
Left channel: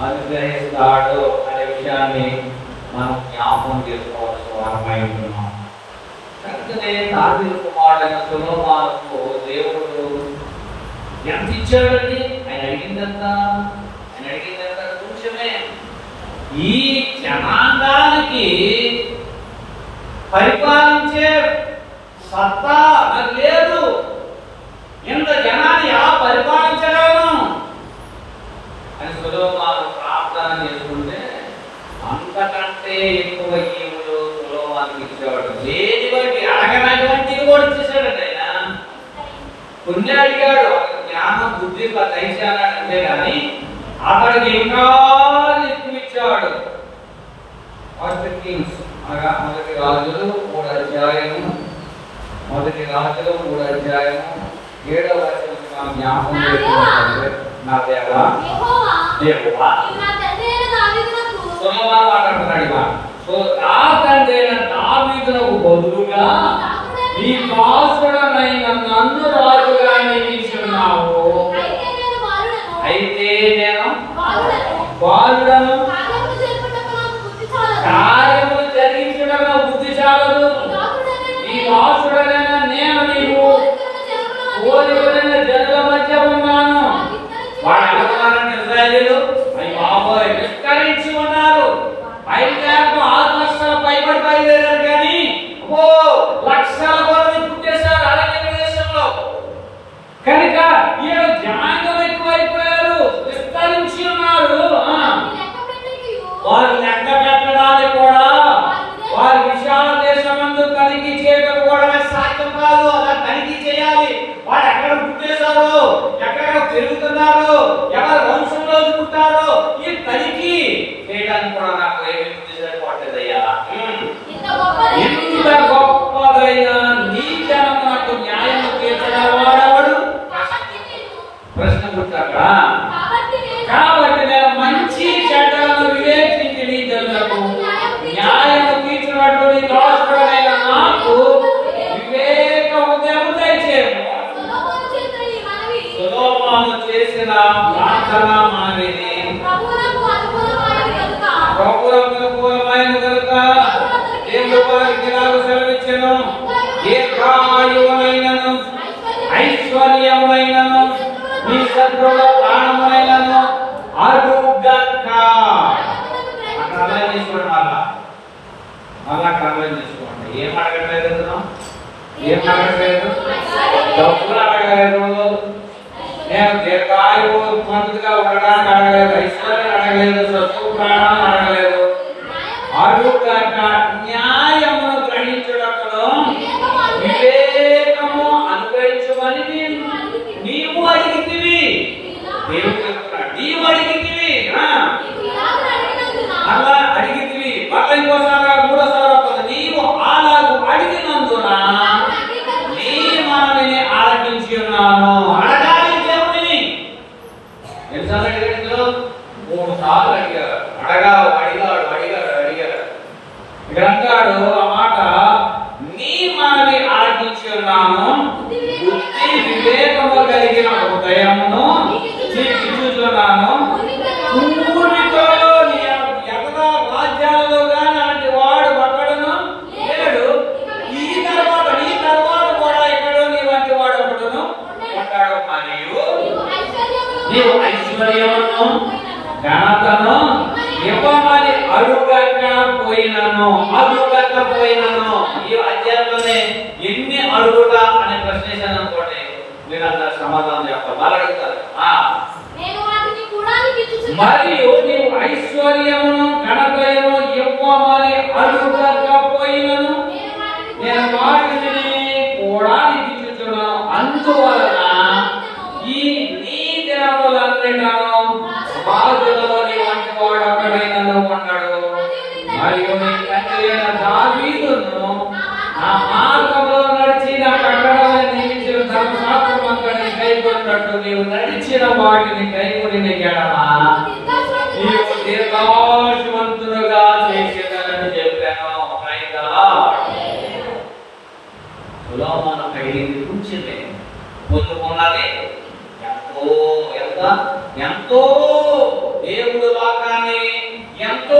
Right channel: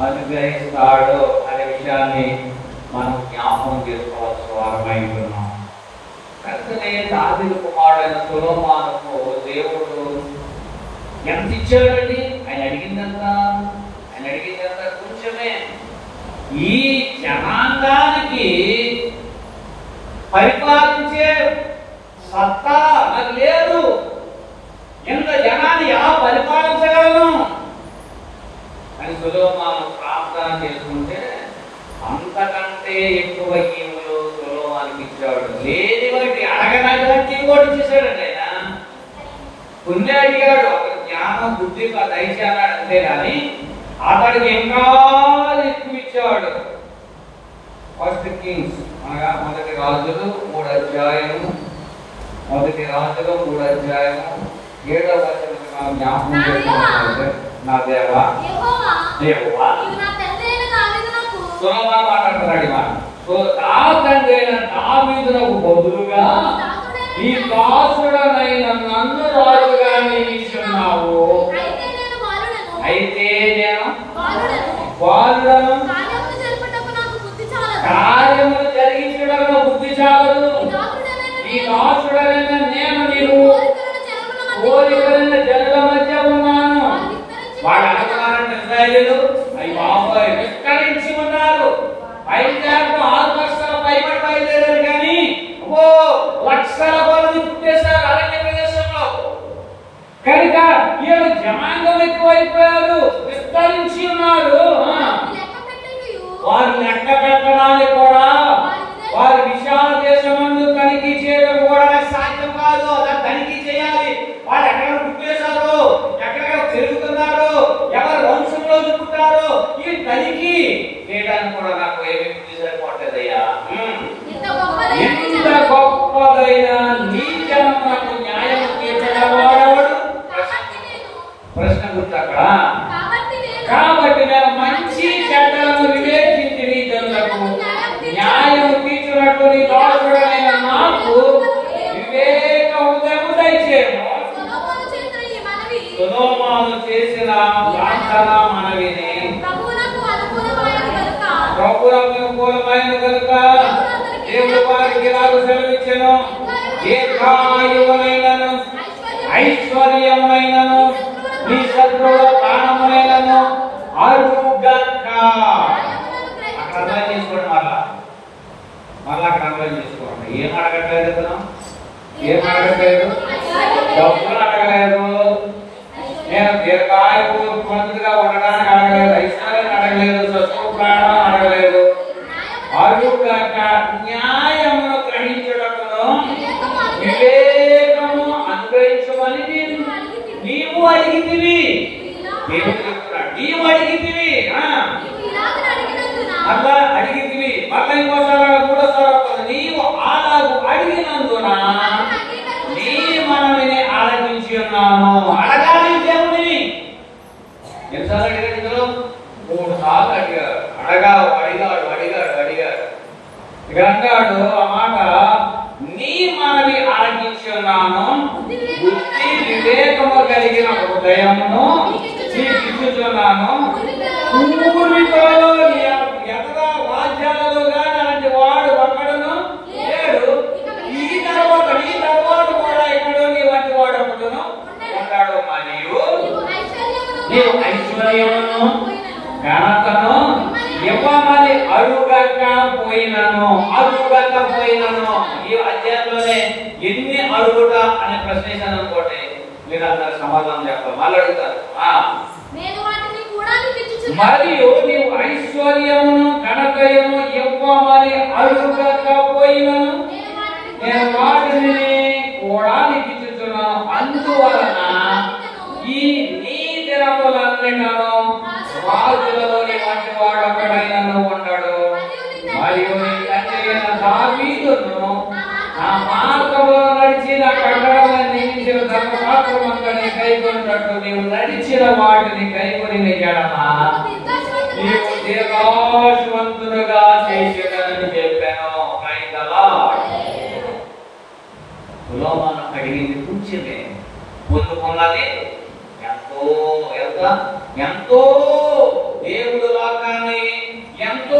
అనుగ్రహిస్తాడు అనే విషయాన్ని మనం జ్ఞాపకం చేసుకోవాల్సిన వారమై ఉంటున్నాం. కనుకనే దావీదు కుమారుడైన సొలొమోనుకు దేవుడు ఎంత ఇచ్చాడండి? ఆయన అడిగిందంత కొంచెమే. ఈ జనాంగానికి పరిపాలించే సత్తా నాకు లేదు. ఇంత జనాన్ని ఎలా పరిపాలించగలను అని సొలొమోను ప్రార్థన చేసుకుంటే అంతకంటే ఎక్కువ ఈవులు సొలొమోనుకి ఇచ్చాడు. లేని బట్టి అడగనటువంటి కూడా ఇచ్చేసాడండి. ఆయన కొన్ని అడిగాడు, అతనికి జ్ఞానం బుద్ధి దయచేయాలి అంతే కానీ అతనికి ఇంకా ఎక్కువ ఇచ్చాడు. ఫస్ట్ కింగ్స్ అనగా మొదటి రాజులు 3వ అధ్యాయము 7వ వచనం మనం జ్ఞాపకం చేసుకుంటే, నా దేవా సొలొమోను మాట్లాడుతున్నాడు. నా తండ్రి అయిన దావీదునకు బదులుగా ఈ దాసుడనైన నన్ను రాజుగా నియమించున్నావు. అయితే నేను బాలుడను, కార్యములు జరిగించడం బుద్ధి చాలదు. ఈ దాసుడైన నేను నీవు కోరికలైన జనుల మధ్య ఉన్నాను. వాళ్ళు ఎలా ఉన్నారంటే ఇశ్రాయేలీయులు బాబోయ్ విస్తరించి ఉన్నారు. 5,000 లక్షల పైబడి బయలుదేరారు కానీ లక్షల మంది పుట్టేశారు అరణ్య ప్రదేశంలో. కనుక ఈయన జనాంగం ఎక్కువైపోయారు, విస్తరించి ఉన్నారు. వారి లెక్క పెట్టడానికి కూడా, వారి విశాల దేశమందు తనిఖీ చేయడం కూడా సాధ్యం కాదు. అలా తనిఖీ చేయాలి. వారు ఎక్కడ పుట్టేశారు, ఎక్కడ పెరుగుతున్నారు, ఎవరు వంశంలో పుట్టారో ఈ తనిఖీ చేయడానికి కూడా నాకు ఏమి పట్టదయ్యా. ఇంత గొప్పదైన నీ జనమునకు న్యాయము తీర్చడం వాడేవాడు ప్రశ్న పుట్టక. కాబట్టి నేను మంచి చెడ్డలను వివేచించి నీ జనులకు న్యాయము తీర్చినట్టు నీ దాసుడైన నాకు వివేక హృదయము దయచేయము. సొలొమోను చేసిన ప్రార్థన మనవిని ప్రభువుకు అనుకూలమైన కనుక దేవుడు వారికి ఇలాగ సెలవిచ్చెను, దీర్ఘాయువునైనను ఐశ్వర్యమునైనను నీ శత్రువుల ప్రాణమునైనను అడుగక. అక్కడ అర్థం చేసుకోండి. మళ్ళా అక్కడ అర్థం చేసుకోండి. ఏం అడగట్లేదు కదా, ఏం అడగట్లేదు, డబ్బులు అడగలేదు, నేను దీర్ఘాయువు మందుగా ఉండడానికి అడగలేదు, ఐశ్వర్యం అడగలేదు, శత్రు ప్రాణం అడగలేదు. అడుగక న్యాయమును గ్రహించుటకును వివేకము అనుగ్రహించమని నీవు అడిగితివి. నీవు అడిగితివి, అలా అడిగితివి. మళ్ళీ ఇంకోసారి మూడోసారి నీవు అలాగూ అడిగినందున నీ మనవిని ఆలకించి ఉన్నాను. అడగాలి దేవుని. ఎన్నిసార్లు అడిగాడు? 3 సార్లు అడిగాడు. అడిగాడు. ఇక్కడ అంటాడు ఆ మాట, నీ మనవి ఆలకించి ఉన్నాను, బుద్ధి వివేకము కలిగిన హృదయమును నీకిచ్చుచున్నాను. రాజ్యాలు అలాంటి వాడు ఒకడును లేడు. ఈ తర్వాత కూడా ఎక్కడో నీ వంటి వాడు ఒకడును ఉంటాడు. మరియు నీవు ఐశ్వర్యమును ఘనతను ఇవ్వమని అడుగకపోయినను. ఈ అధ్యాయంలోనే ఎన్ని అడుగుట అనే ప్రశ్న వేసాను అనుకోండి, మీరంతా సమాధానం చెప్పాలి. మళ్ళీ అడుగుతారు, మరియు నీవు ఐశ్వర్యమును ఘనతను ఇవ్వమని అడుగకపోయినను నేను వాటిని కూడా నీకు ఇచ్చుచున్నాను. అందువలన ఈ నీ దినములన్నిటను రాజులలో నీ వంటి వాడు అక్కడైనను ఉండడు. మరియు నీ తండ్రి అయిన దావీదును నా మార్గములో నడిచి నా ప్రకటనలను నియమించిన ధర్మశాస్త్రమంతటిని కైకొన్నట్టు నీవు నడిచిన వాటిని కైకొని ఎడల నీవు దీర్ఘాయువంతుడుగా చేసేదని చెప్పాను. సొలొమోను అడిగింది కొంచెమే, పొందుకున్నది ఎంతో. ఎంతో దేవుడు లోకాన్ని ఎంతో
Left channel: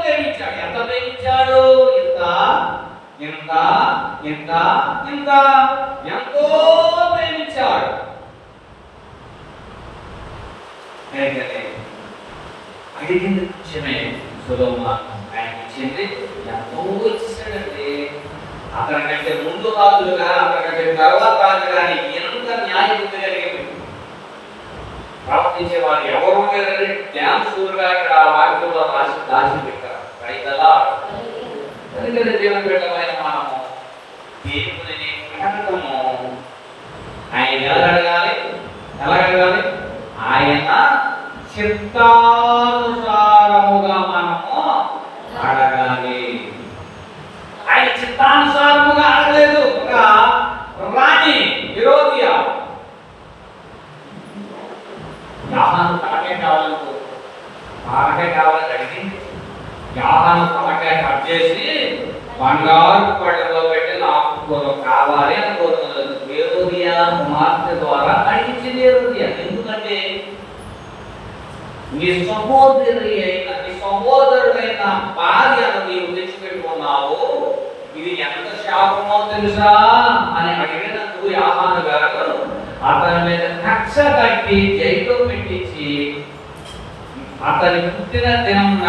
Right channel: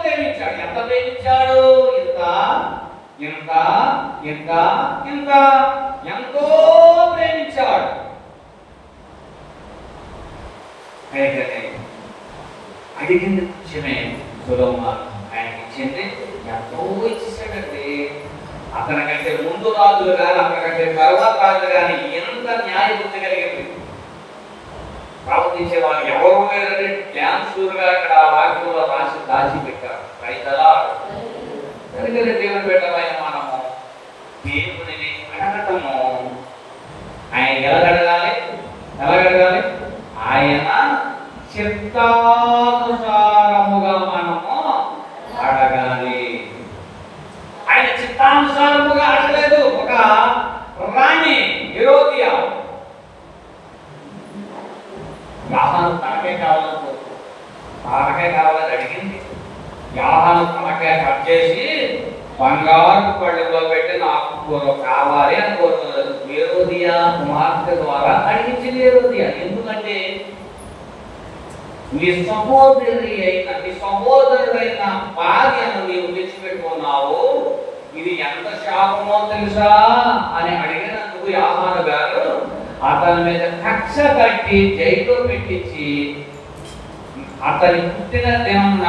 ప్రేమించాడు. ఎంత ప్రేమించాడు? ఇంత ఎంతో ప్రేమించాడు. అడిగింది కొంచెమే సొలొమోను, ఆయనకి ఇచ్చింది ఎంతో ఇచ్చేసాడండి. అతనికంటే ముందు రాజులు కానీ అతనికంటే తర్వాత రాజు కానీ ఎంత న్యాయబుద్ధి కలిగింది. ప్రవర్తించే వారు ఎవరు లేదని డ్యాన్సూరుగా ఇక్కడ ఆ వాక్యంలో రాసి దాచిపెట్టారు. దేవుని బిడ్డలైన మనము దేవుని అడగటము ఆయన ఎలాగడగాలి? ఆయన చిత్తానుసారముగా మనము అడగాలి. ఆయన చిత్తానుసారముగా అడగలేదు. ఒక రాణి హెరోదియా యాహాను తనకే కావాలని అడిగింది. యాహాను తనకే కట్ చేసి బంగారు పళ్ళలో పెట్టి నాకు కావాలి అని కోరుతున్నారు. హెరోదియా కుమార్తె ద్వారా అడిగించింది హెరోదియా. ఎందుకంటే నీ సహోదరుడైన భార్యను నీవు తెచ్చిపెట్టుకున్నావు, ఇది ఎంత శాపమో తెలుసా అని అడిగినందుకు యాహాను గారు అతని మీద కక్ష కట్టి జైలు పెట్టించి అతని పుట్టిన దినమున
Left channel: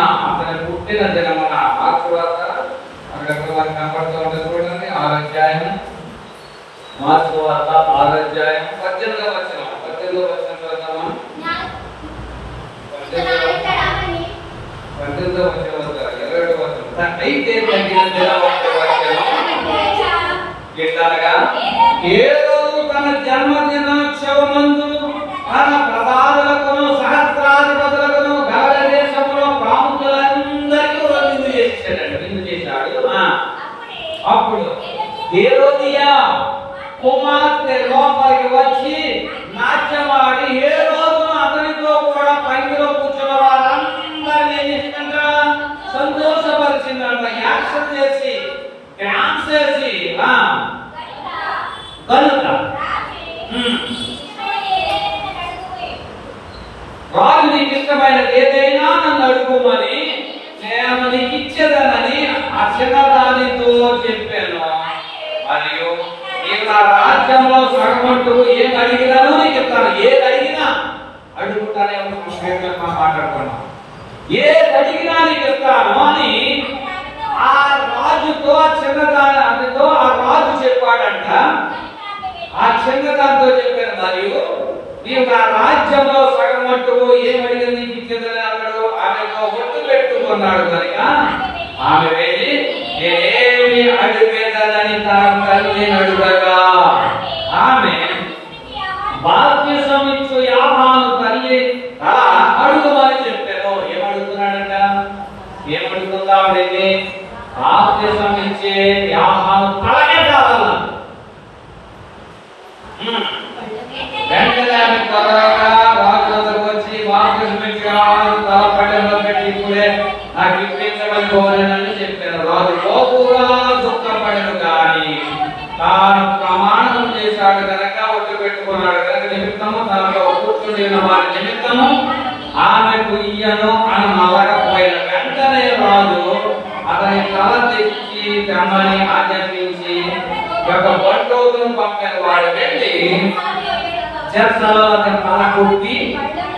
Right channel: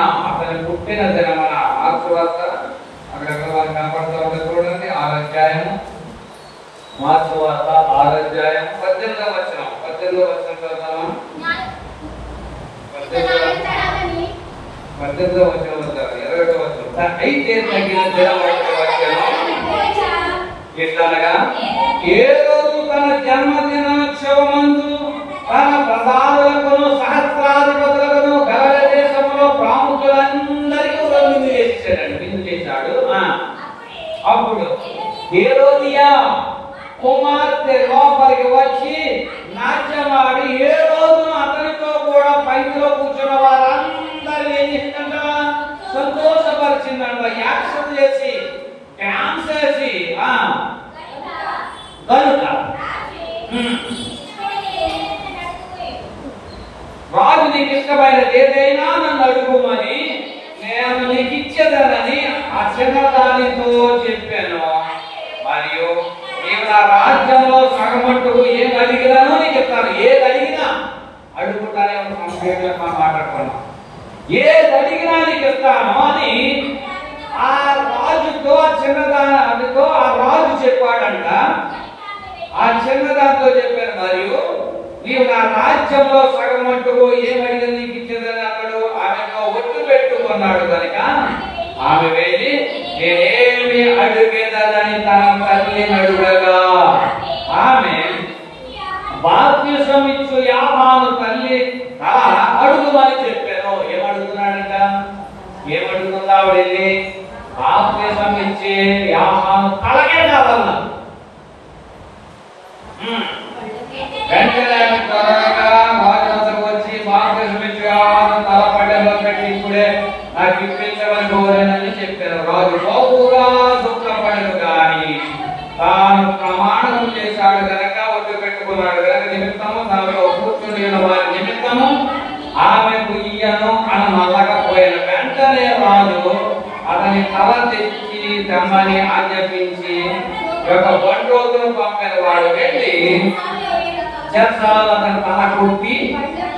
మార్పు వార్తల అక్కడ కనపడుతూ ఉంటుంది చూడండి. 6 అధ్యాయం, మార్పు వార్త 6 అధ్యాయం అయితే తగిన దినమొకటి వచ్చెను. ఎట్లనగా హేరోదు తన జన్మదినోత్సవమందు తన ప్రధానులకును సహస్రాధిపతులకును గలగ దేశములో ప్రాముఖులందరికీ విందు చేసేసాడండి. విందు చేశాడు. అప్పుడు హేరోదియా కుమార్తె లోపలికి వచ్చి నాట్యమాడి హేరోదును అతనితో కూడా పైలో కూర్చున్న వారందరినీ ఏం చేసిందంట? సంతోషపరిచిందంట. యాక్షన్ చేసి డాన్స్ చేసి కనుక రాజు నీకు ఇష్టమైనది ఏదైనా నన్ను అడుగుమని నేను నీకు ఇచ్చేదానని ఆ చిన్నదానితో చెప్పాను. మరియు నీకు ఆ రాజ్యంలో సగమంటుకు ఏం అడిగినానో నీకు చెప్తాను. ఏది అడిగినా అడుగుతానేమో సంక్షేమంగా మాట్లాడుతున్నాను. ఏది అడిగినా నీకు చెప్తాను అని ఆ రాజుతో ఆ చిన్నదానితో ఆ రాజు చెప్పాడంట. ఆ చిన్నదానితో చెప్పాను. మరియు నీవు ఆ రాజ్యంలో సగం మట్టుకు ఏమడిగిన నీకు ఇచ్చేదని అన్నాడు. ఆమెతో ఒట్టు పెట్టుకున్నాడు కనుక ఆమె వెళ్ళి నేనేమి అడుగేదని తన తల్లిని అడుగగా ఆమె బాప్తిసం ఇచ్చు యాహాను తల్లి తల అడుగుమని చెప్పాను. ఏమడుగుతున్నాడంట? ఏమడుగుతుందా ఆవిడని? బాప్తిసం ఇచ్చే యాహాను తలకే కావాలన్నా. వెంటనే ఆమె త్వరగా రాజు వచ్చి బాప్తిసం ఇచ్చే యాహాను తల పడెలో పెట్టి ఇప్పుడే నాకు ఇప్పించమని కోరానని చెప్పారు. రాజు బహుగా దుఃఖపడను కానీ తాను ప్రమాణం చేశాడు కనుక ఒట్టు పెట్టుకున్నాడు కనుక నిమిత్తము దానిలో కూర్చుని వారి నిమిత్తము ఆమెకు ఇయ్యను అని మళ్ళకపోయిన వెంటనే రాజు అతని తల తెచ్చి తెమ్మని ఆజ్ఞాపించి ఒక బండోగును పంపిన వాడు వెళ్ళి చెరసాలలో అతని తల కొట్టి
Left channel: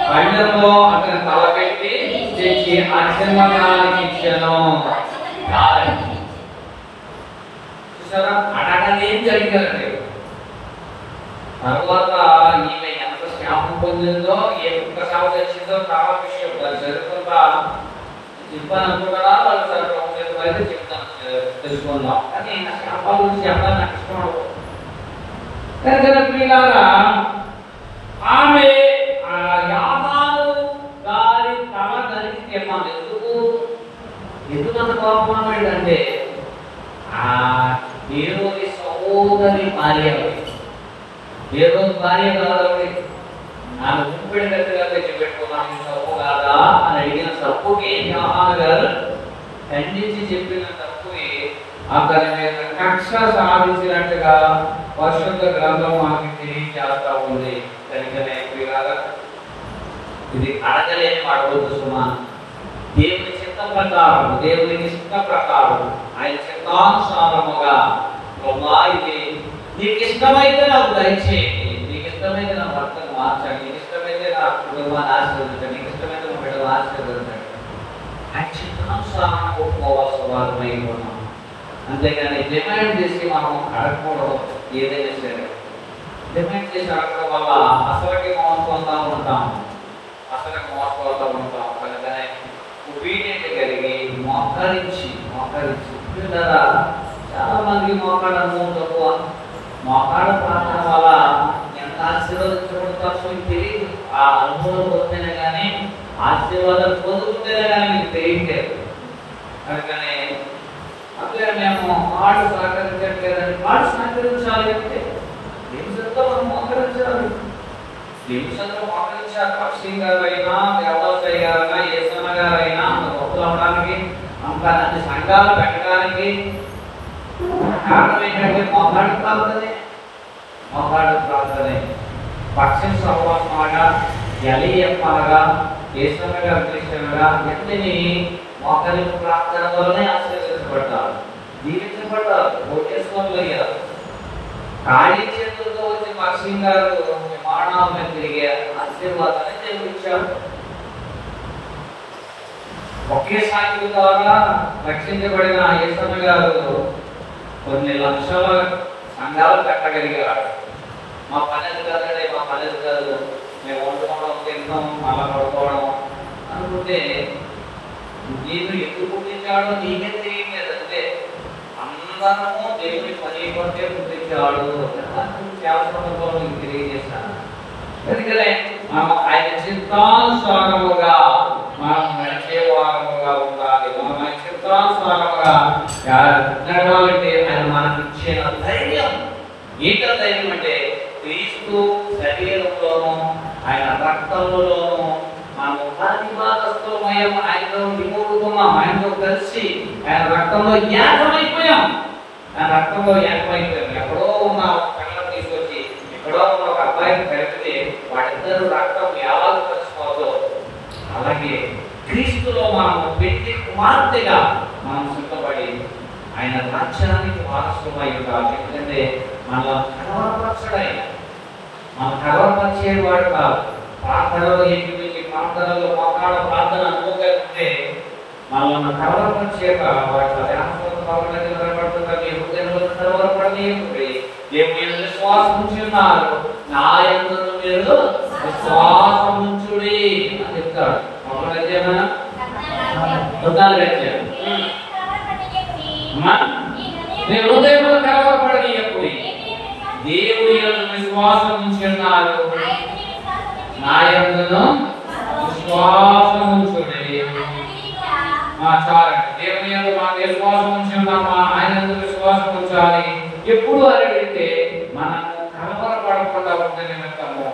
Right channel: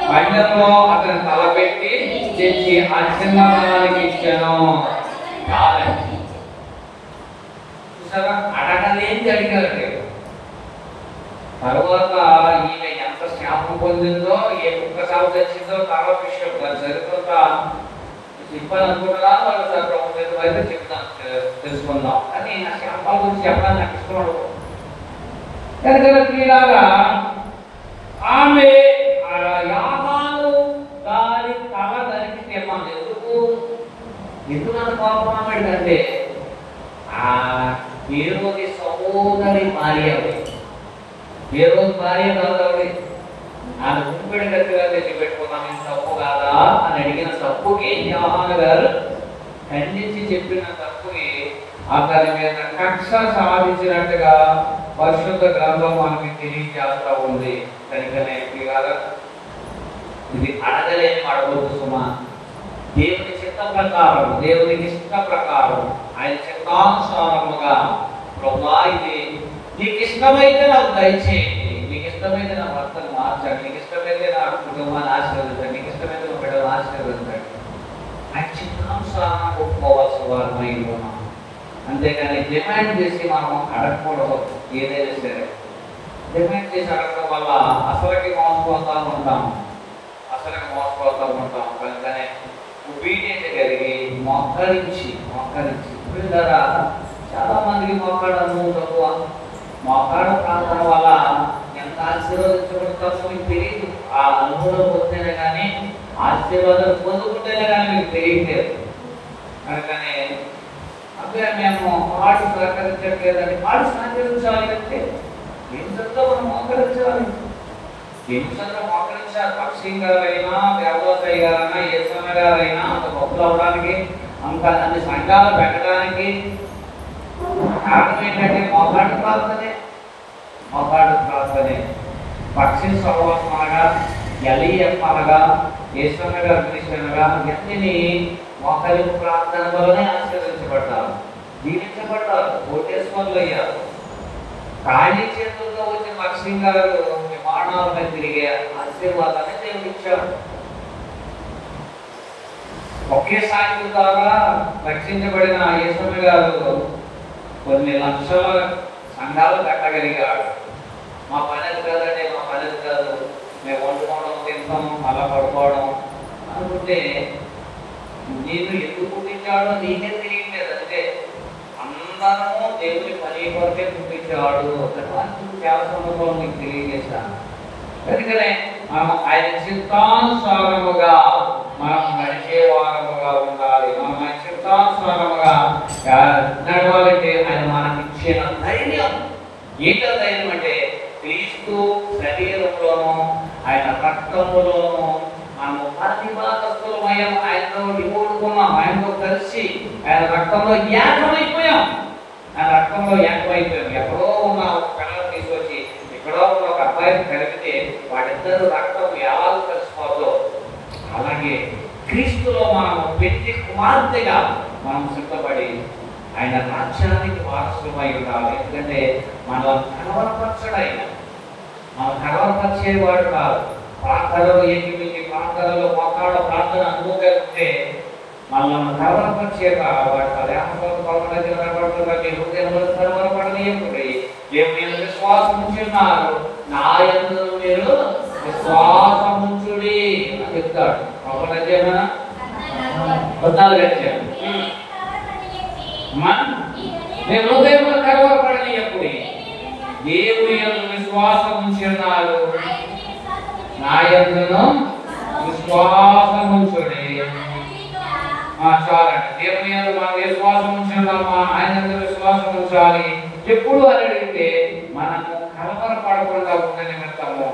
బండంలో అతని తల పెట్టి తెచ్చి ఆ చిన్నదానికి ఇచ్చాను. చూసారా? అడగలేంది అడిగారండి. తర్వాత ఈమె ఎంత శ్యామ పొందిందో, ఏ ఒక్క సాగు తెచ్చిందో చాలా విషయం చరిత్ర చెప్పాలనుకుంటున్నా. వాళ్ళు అయితే చెప్తాను, తెలుసుకుందాం. కానీ నా శ్యామ గురించి చెప్పడానికి నాకు ఇష్టం. ప్రియులారా, ఆమె యాహాను దాని తల దానికి తెమ్మాను. ఎందుకంత కోపం ఏంటంటే హేరోది సహోదరి భార్య, హేరోది భార్య కావాలి. నా ఉంపిడి గట్టిగా దగ్గర పెట్టుకున్నాను, తప్పు కాదా అని అడిగిన తప్పుకి యాహాను గారు ఖండించి చెప్పిన తప్పుకి అతని మీద కక్ష సాధించినట్టుగా పరిశుద్ధ గ్రంథం మాకు తెలియజేస్తా ఉంది. కనుకనే ఇది అడగలేని అడగొద్దు సుమా. దేవుని చిత్త ప్రకారం, దేవునికి ఇష్ట ప్రకారం, ఆయన చిత్తానుసారముగా ప్రభువా ఇది నీకు ఇష్టమైతే నాకు దయచేయండి, నీకు ఇష్టమైతే నా భర్తను మార్చండి, నీకు ఇష్టమైతే నా కుటుంబాన్ని ఆశీర్వదించండి, నీకు ఇష్టమైతే నా బిడ్డను ఆశీర్వదించండి. ఆయన చిత్తానుసారం ఒప్పుకోవాల్సిన వారమై ఉన్నాం. అంతేగాని డిమాండ్ చేసి మనం అడగకూడదు. ఏదైనా సరే డిమాండ్ చేసి అడగడం వల్ల అసలుకి మోసపోతూ ఉంటాం, అసలుకి మోసపోతూ ఉంటాం. కనుకనే obedient కలిగి మోకరించి ద్వారా చాలా మందికి మోకాడము తక్కువ. మోకాడ ప్రార్థన వల్ల ఎంత ఆశీర్వదించబడతామో మీకు తెలియదు. ఆ అనుభవం పొందితేనే కానీ ఆశీర్వాదం పొందుకుంటేనే కానీ మీకు తెలియట్లేదు. కనుకనే అదే మేము కాడు సహకరించట్లేదని, కాడు సహకరించాలి అంటే నిమిషంతో మనం మోకరించాలి. నిమిషంతో మోకరించాలి. పక్షి గారైనా, దేవదాసయ్య గారైనా, యేసన్న గారైనా అంత గొప్ప అవడానికి, అంత అన్ని సంఘాలు పెట్టడానికి కారణం ఏంటంటే మోకాడు ప్రార్థనే. పక్షి సహవాసమనగా, ఎలియప్పనగా, యేసన్న గారు క్రిస్టియన్గా ఎంతని మోకలి ప్రార్థన వల్లనే ఆశీర్వదించబడ్డారు, దీవించబడ్డారు, ఓటేసుకోగలిగారు. ఖాళీ చేతులతో వచ్చి పక్షి గారు విమానాల తిరిగే ఆశీర్వాదాన్ని దేవుడు ఇచ్చారు. ఒకే సాక్షి ద్వారా రక్షించబడిన యేసన్న గారు కొన్ని లక్షల సంఘాలు కట్టగలిగాడు. మా పని కాదండి, మా పని కాదు, మేము వండుకోవడం, తినడం, అలా పడుకోవడం అనుకుంటే నేను ఎందుకు పుట్టించాడో నీకే తెలియలేదంటే అందరము దేవుని పని కొరకే పుట్టించాడు అట్లా చాలా సందర్భాలు నీకు తెలియజేశాను. అందుకనే మనం ఆయన చిత్తానుసారముగా మనం నడిచే వారముగా ఉండాలి. మనం ఆయన చిత్తానుసారముగా నడవాలంటే ఆయన మనకి ఇచ్చిన ధైర్యం ఏంటో ధైర్యం అంటే క్రీస్తు శరీరంలోనూ ఆయన రక్తంలోనూ మనము ప్రతిభాగస్తులమయం ఆయనతో నిపుణుకున్నాం. ఆయనతో కలిసి ఆయన రక్తంలో ఏకమైపోయాం. ఆయన రక్తంలో ఏకమైపోయాం. ఎక్కడో ఉన్న ఒక పిల్లలు తీసుకొచ్చి ఎక్కడో ఉన్న ఒక అబ్బాయిని కలిపితే వాడిద్దరు రక్తం ఎలా కలిసిపోతో అలాగే క్రీస్తులో మనము పెట్టి కుమార్తెగా మనం సిద్ధపడి ఆయన రాజ్యానికి వారసులమై ఉండాలి. ఎందుకంటే మన కలవరపరచడైన మనం కలవరపరిచేవాడు కాదు. ప్రార్థనలో ఏకీపించి ప్రార్థనలో పక్కాడ ప్రార్థన అనుమోకుంటే మనల్ని కలవరపరిచేక వాటి కలవరపడనీయకుంటే దేవుని విశ్వాసం ఉంచున్నారు. నా యందు మీరు విశ్వాసం ఉంచుడి అని చెప్తాడు. ఒకటి అధ్యాయమా 14 అధ్యాయం. నీ హృదయంలో కలవరపడనీయకుడి, దేవుని యందు విశ్వాసం ఉంచున్నారు. నా యందును విశ్వాసం ఉంచుడి. చాలండి. దేవుని యందు మనం విశ్వాసం ఉంచున్నామా, ఆయన యందు విశ్వాసం ఉంచాలి. ఎప్పుడు అని అడిగితే మనము కలవరపడకుండా ఉండే నిమిత్తము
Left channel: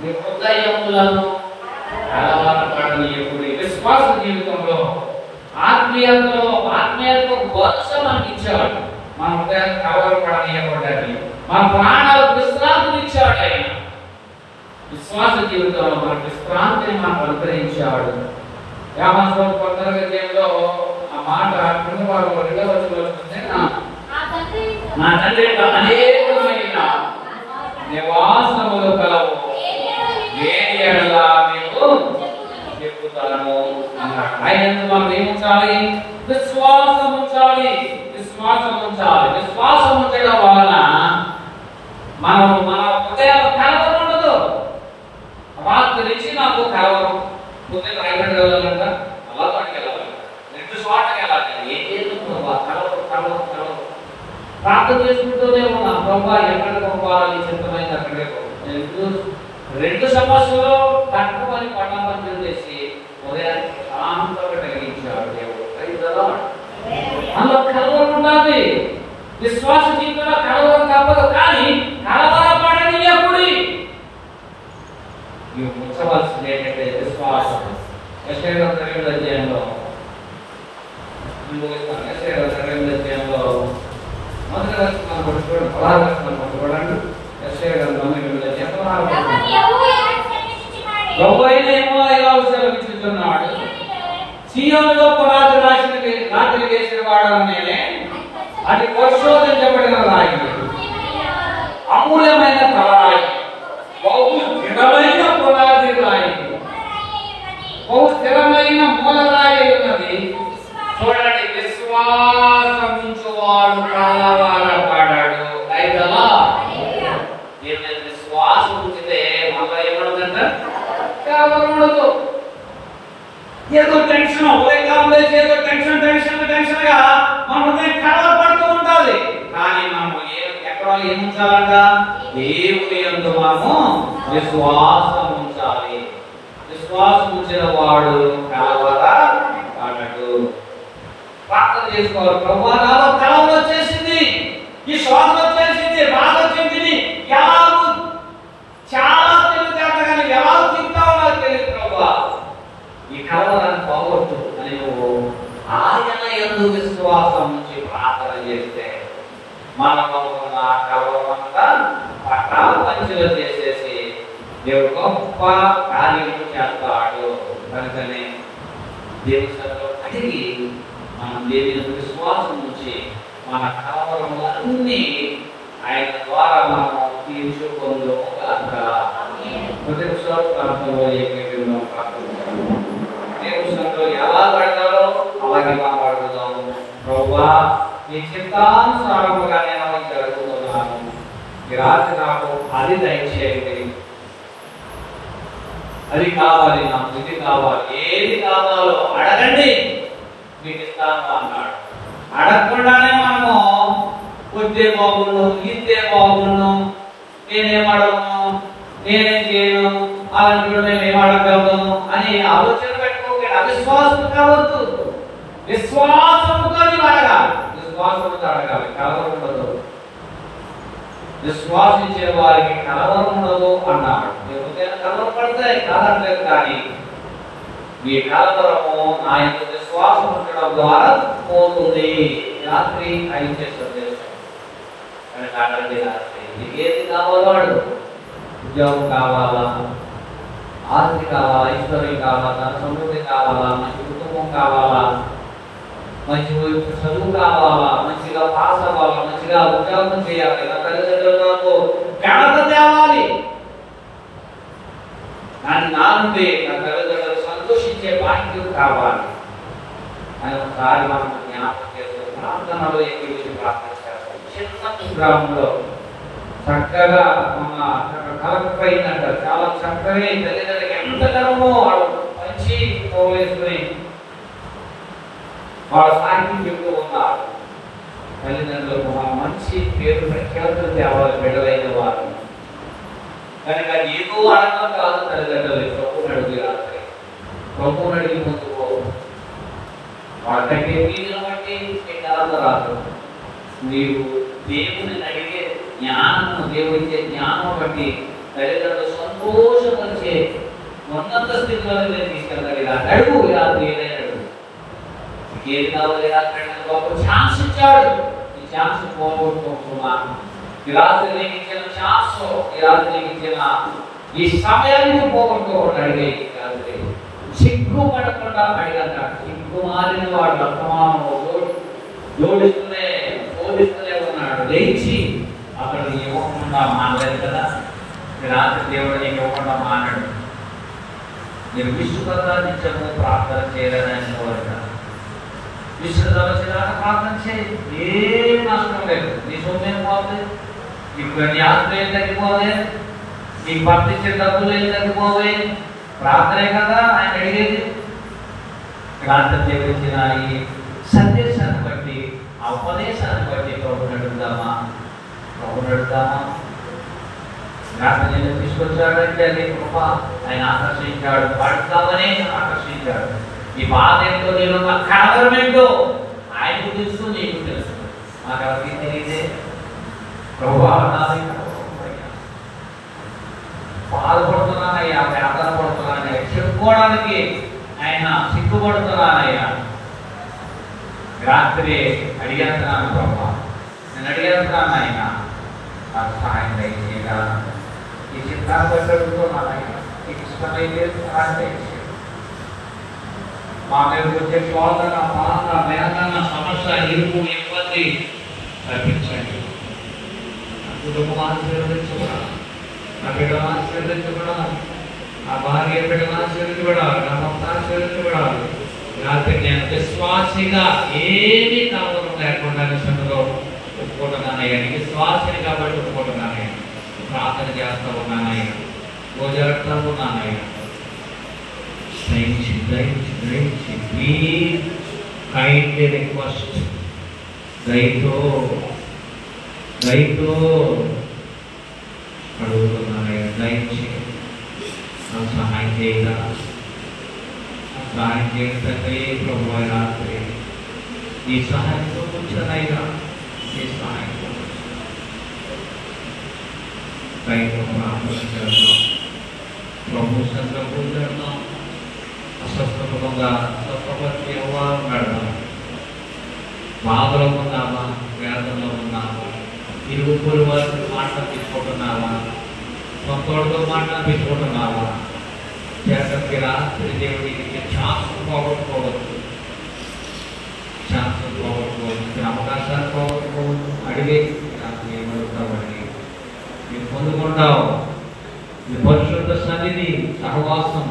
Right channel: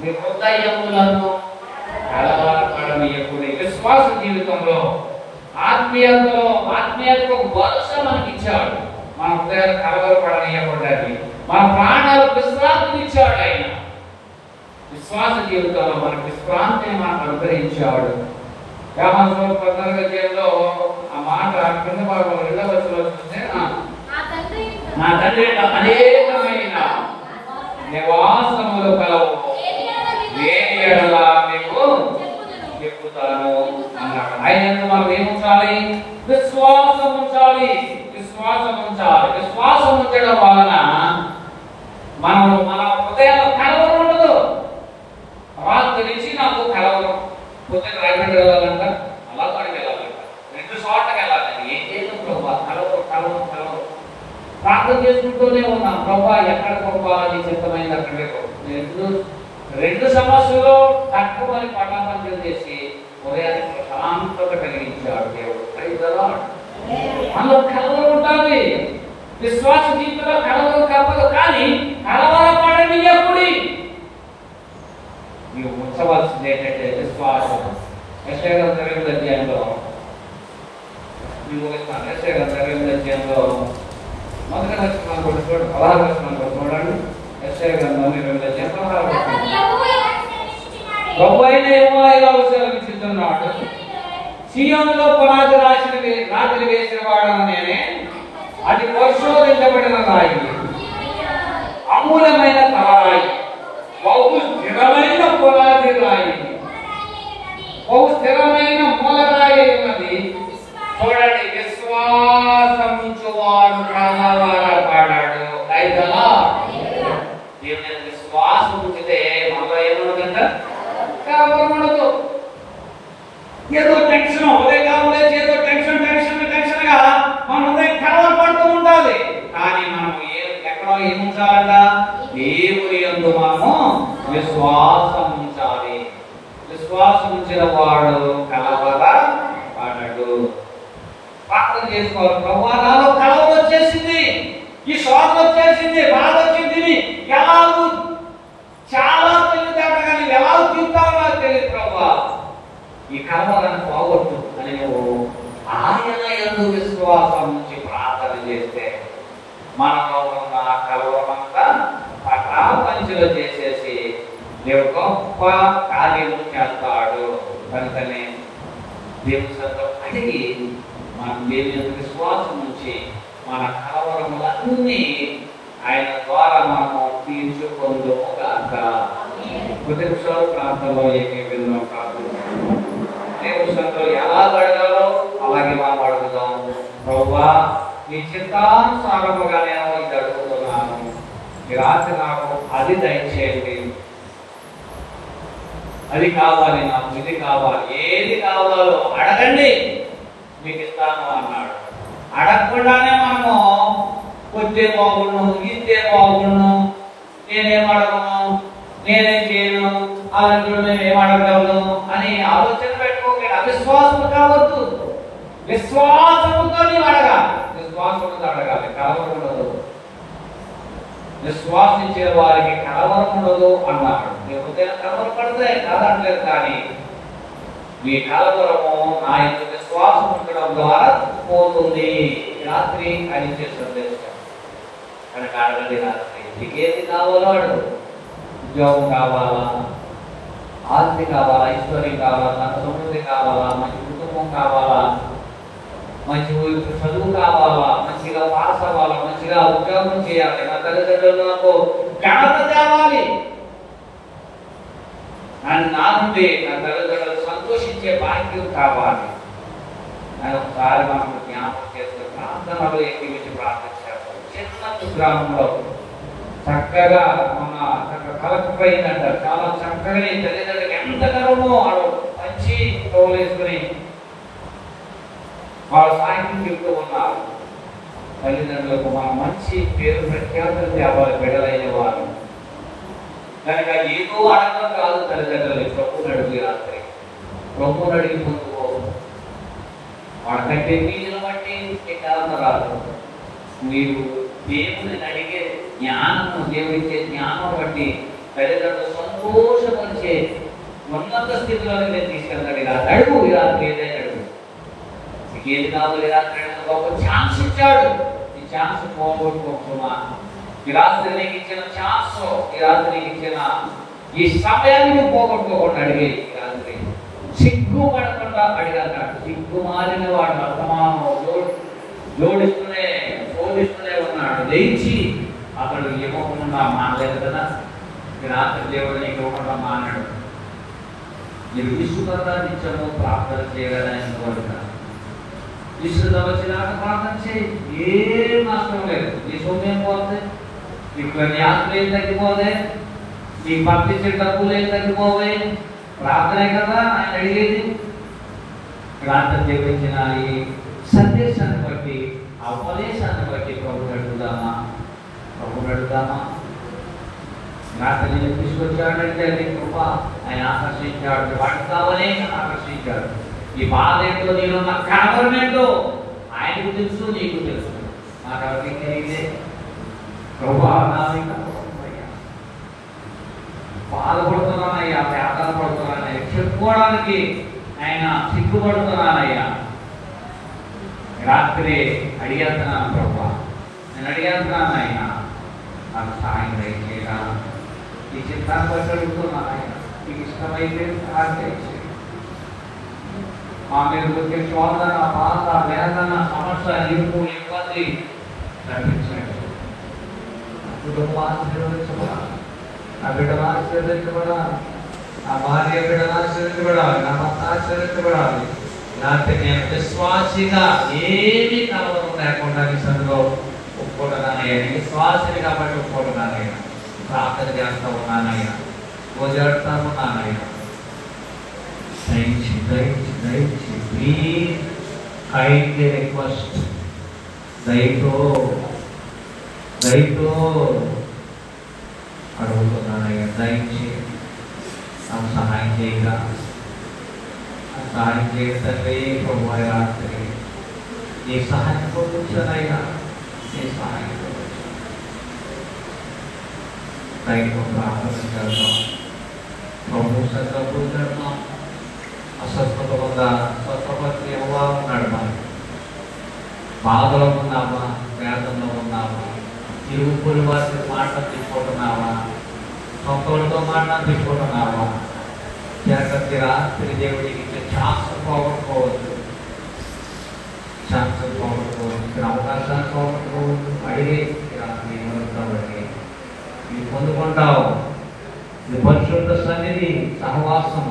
నీ హృదయములను కలవరపడనీయకుడి. విశ్వాస జీవితంలో ఆత్మీయతకు భరోసా మనకి ఇచ్చాడు. మన హృదయాన్ని కలవరపడనీయకూడదు. మన ప్రాణాలు విశ్రాంతిని ఇచ్చాడు. ఆయన విశ్వాస జీవితంలో మనకు విశ్రాంతిని మనకు అనుగ్రహించాడు. యామాసు 14వ అధ్యాయంలో ఆ మాట కింద భాగంలో 2వ వచనంలో చూస్తే నా తండ్రి అనేకమైన నివాసములు కలవు, వేడి ఎడల మీకు చెప్పుతాను అన్నాడు. ఆయనకు మనం ఏముంచాలి? విశ్వాసం ఉంచాలి. విశ్వాసం ఉంచాలి. విశ్వాసం ఉంచడం వలన మనము మన హృదయాల్లో కలవరం ఉండదు. రాత్రి నుంచి నాకు కలవరం, పొద్దున్న రైల్వేకి వెళ్ళాలంట, అలా పడికి వెళ్ళాలంట, 2 చోట్లకి వెళ్ళాలి. ఏం చేయదు ప్రభా, కలవరం కలవరం కలవరం. ప్రార్థన చేసుకుంటూనే ఉన్నా, ప్రభా ఎక్కడికి పోవాలి, చిత్తమైంది అక్కడికే పోతుంది. 2 సమస్యలు తక్కువని పట్ల పంచం చేసి ఉదయానికి శాంతత కలిగించాడు దేవుడు. అందులో కలవరం ఉంటుంది. విశ్వాస జీవితంలో కలవరం తప్పదు. కానీ కలవరపడనీయకుడి. ఇవి ఉంచవలసింది ఏంటంటే విశ్వాసం. యెషయా 2వ అధ్యాయంలో యెషయా 2వ అధ్యాయంలో మొదటి వచనం చూడండి, 16వ వచనం చూడండి. యెషయా 2వ అధ్యాయం 16వ వచనం. ప్రభువైన యెహోవా ఇలా సెలవిస్తున్నాడు, సీయోనులో పునాది రాత్రి వేసిన వాడను నేనే, అది పరిశోధించబడిన రాయి, అమూల్యమైన తలరాయి, బహు స్థిరమైన పునాది రాయి, బహు స్థిరమైన మూలరాయి ఉన్నది. చూడండి, విశ్వాసముంచువాడు కలవరపడడు. అయిదలా దేవుని విశ్వాసం ఉంచితే మనలో ఏమన్నదంట? కలవరపడదు. ఏదో టెన్షన్, ఉదయకాలం లేచి ఏదో టెన్షన్గా మన హృదయం కలవరపడుతూ ఉండాలి. కానీ మనం ఎక్కడో ఏం ఉంచాలంట? దేవుని యందు మనము విశ్వాసం ఉంచాలి. విశ్వాసం ఉంచిన వాడు కలవరపడడు. ప్రార్థన చేసుకోవాలి. ప్రభువా, నాలో కలవరం వచ్చేసింది, ఈ శోధన వచ్చేసింది, బాధ వచ్చింది, ఎలాగూ చాలా తెలివితేట, కానీ ఎలాగూ తింటావో నాకు తెలియదు ప్రభువా, ఈ కలవరాన్ని పోగొట్టు అని ఆయన యందు విశ్వాసం నుంచి ప్రార్థన చేస్తే మనలో ఉన్న కలవరమంతా పట్టాల పంచులో చేసేసి దేవుడు గొప్ప కార్యము చేస్తాడు. కనుకనే దేవుని సన్నిధిలో అడిగి మనం దేవుని యందు విశ్వాసం నుంచి మన కలవరములన్నీ ఆయన ద్వారా మనము తీర్చుకొందుముగాక. ప్రతి విషయాలు ప్రార్థనలో ఏకీభవించి ప్రార్థించాలి. దేవుని సన్నిధిలో ఎలా అడగాలో అలాగే మనం అడుగుదాం. ప్రభువా, నీ చిత్తానుసారముగా నేను ఇది అడుగుతున్నాను, ఈ రాత్రి నాకు అది దయచేయండి, అది కావాలి, నాకు ఇది కావాలి, ఏది కావాలో అడగండి. మీకు ఇస్తాను అన్నాడు. అడగకుండానే మనము కొద్దే బాగుండు, ఇంతే బాగుండు, నేనేం అడగను, నేనేం చేయను, అలాంటి మేమేం అడగదు అని ఆలోచన పెట్టుకోకండి. అవిశ్వాసం కావద్దు, విశ్వాసముతో అడగాలి. విశ్వాసంతో అడగాలి, కలవరం ఉండదు. విశ్వాసించే వారికి కలవరం ఉండదు అన్నాడు. మీ హృదయం కలవరం పడతాయి కాదనలేదు, కానీ మీ కలవరము నా యొక్క విశ్వాసం ఉండడం ద్వారా పోతుంది. రాత్రి 5 చేస్తుంది కనుక అడగండి. రాత్రి మీకు ఏది కావాలో అడుగు. ఉద్యోగం కావాలా, ఆస్తి కావాలా, ఐశ్వర్యం కావాలా, ధన సమృద్ధి కావాలా, మంచి కుటుంబం కావాలా, మంచి చదువు కావాలా, మంచిగా పాస్ అవ్వాలా, మంచిగా ఉద్యోగం చేయాలి, నా తల్లిదండ్రులు నాకు ఘనత తేవాలి, నా నుండి నా తల్లిదండ్రులు సంతోషించే భాగ్యం కావాలి అని ఒకసారి మనకు జ్ఞాపకం చేస్తూ ప్రార్థనలో ఎక్కువ ప్రార్థన చేస్తాం. చిన్న గ్రామంలో చక్కగా మన కలెక్టర్ అయిందంట. చాలా చక్కగా తల్లిదండ్రులకి ఎంత గర్వమో వాళ్ళు మంచి తోలేసుకుని వాళ్ళ సాహిత్యం చెబుతూ ఉన్నారు. తల్లిదండ్రులకు మన మంచి పేరు ప్రఖ్యాతులు తేవాలి బిడ్డలైన వాళ్ళు కనుక ఏదో అడగడం కాదు. తల్లిదండ్రులు ప్రభువుని అడుగు. రాత్రి ప్రభువుని అడిగి ముందుకు వాళ్ళ కట్టే ఫీజులు బట్టి మీకు అలా రాదు. మీరు దేవుని అడిగే జ్ఞానము, దేవుడిచ్చే జ్ఞానం బట్టి తల్లిదండ్రులు సంతోషపరిచే ఉన్నత స్థితిలో నేను తీసుకెళ్తాడు. ఇలా అడుగు. రాత్రి ఏదైనా అడుగు. మీకు ఏది కావాలి రాత్రి గొప్ప ఛాన్స్ ఇచ్చాడు. ఈ ఛాన్స్ పోగొట్టుకోమా. ఈ రాత్రి నీకు ఇచ్చిన ఛాన్స్, ఈ రాత్రి నీకు ఇచ్చిన ఈ సమయాన్ని పోగొట్టుకోకుండా అడిగే. రాత్రి సిగ్గు పడకుండా అడిగన్నాడు. సిగ్గు మారిన వాడు అర్థమానో జోడిస్తూనే శోధిస్తూనే ఉన్నాడు. లేచి అతడు ఇవ్వకుండా మానలేదు కదా. రాత్రి దేవుడు నీకు ఇవ్వకుండా మానాడు. మీరు విశ్వప్రదానిత్యము ప్రార్థన చేయాలని కోరిక. విశ్వదానికి ప్రార్థన చేయి. ఏం నష్టం లేదు. నీ సొమ్మేం పోతే, నీకు నీ ఆస్తి ఏం తగ్గిపోతే, నీకు పంపించే డబ్బులు ఏం తగ్గిపోవే. ప్రార్థనే కదా ఆయన అడిగేది. రాత్రి దేవుడిచ్చిన ఈ సందేశాన్ని బట్టి, ఆ ఉపదేశాన్ని బట్టి ప్రభువుని అడుగుదామా? ప్రభువుని అడుగుదామా? రాత్రి నేను తీసుకొచ్చాడంటే అది కృప. ఆయన ఆకర్షించాడు, పడతామనే ఆకర్షించాడు. ఈ బాధ ఏంటో, నేను కలవరం ఏంటో ఆయనకు తెలుసు, నీకు తెలుసు. నాకు ఎవరికి తెలియదే. ప్రభు బాధపడుతున్నానయ్యా, వేదన పడుతున్నానయ్యా, చెప్పుకోవడానికి ఆయన సిగ్గుపడుతున్నానయ్యా. రాత్రి అడిగేస్తున్నాను ప్రభు, నేను అడిగేస్తున్నాను ఆయన నాకు సహాయం దయచేయగా. ఈ చిత్తాన్ని బట్టి అడుగుతున్నాను ఆయన. నీకు ఇష్టమైతే సహాయం దయచేయ. మా మీద వచ్చే శోధన, బాధ, వేదన, సమస్య, ఇరుకు, ఇబ్బంది తగ్గించండి. కుటుంబం ఆశీర్వదించబడాలి, నా బిడ్డలు ఆశీర్వదించబడాలి, నా భార్య బిడ్డలు ఆశీర్వదించబడాలి, నా భర్త ఆశీర్వదించబడాలి. రాత్రి నేను విశ్వాసిగా ఏమీ కలవరం లేకుండా సందులో ఒప్పుకుంటున్నానయ్యా. నేను విశ్వాసిని కాబట్టి ఒప్పుకుంటున్నానయ్యా. ప్రార్థన చేస్తా ఉన్నానయ్యా, పూజాడుతూ ఉన్నానయ్యా. దయచి దయచి దయచి ప్లీజ్ కైండ్లీ రిక్వెస్ట్, దయతో అడుగుతున్నానయ్యా. దయచి నాకు సహాయం చేయగా, సహాయం చేస్తే ప్రభు రాత్రి నీ సహాయం పొందుతానయ్యా. నీ సహాయం కైండ్లో ప్రార్థన చేద్దాం. ప్రభు సంకల్పం చేద్దాం. అస్వస్థత ఉందా? స్వస్థపరిచి ఎవరు బాధలో ఉన్నావా? వేదంలో ఉన్నావా? ఇరుగు పొరుగు వారితో మాటలు తీసుకుంటున్నావా? సొంతోడితో మాటలు తీసుకుంటున్నావా? చేతకి రాత్రి దేవుడికి ఛాన్స్ పోగొట్టుకోవచ్చు, ఛాన్స్ పోగొట్టుకోవచ్చు, అవకాశాలు పోగొట్టుకోవచ్చు. అడిగే రాత్రి ఏమడుగుతావండి? మీరు పొందుకుంటావు. మీ పరిశుద్ధ సన్నిధి, సహవాసం.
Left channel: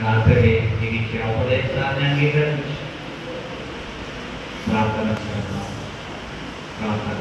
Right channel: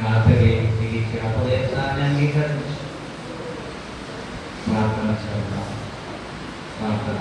రాత్రి నీకు ఇచ్చే ఉపదేశాన్ని అంగీకరించి ప్రార్థన చేద్దాం. ప్రార్థన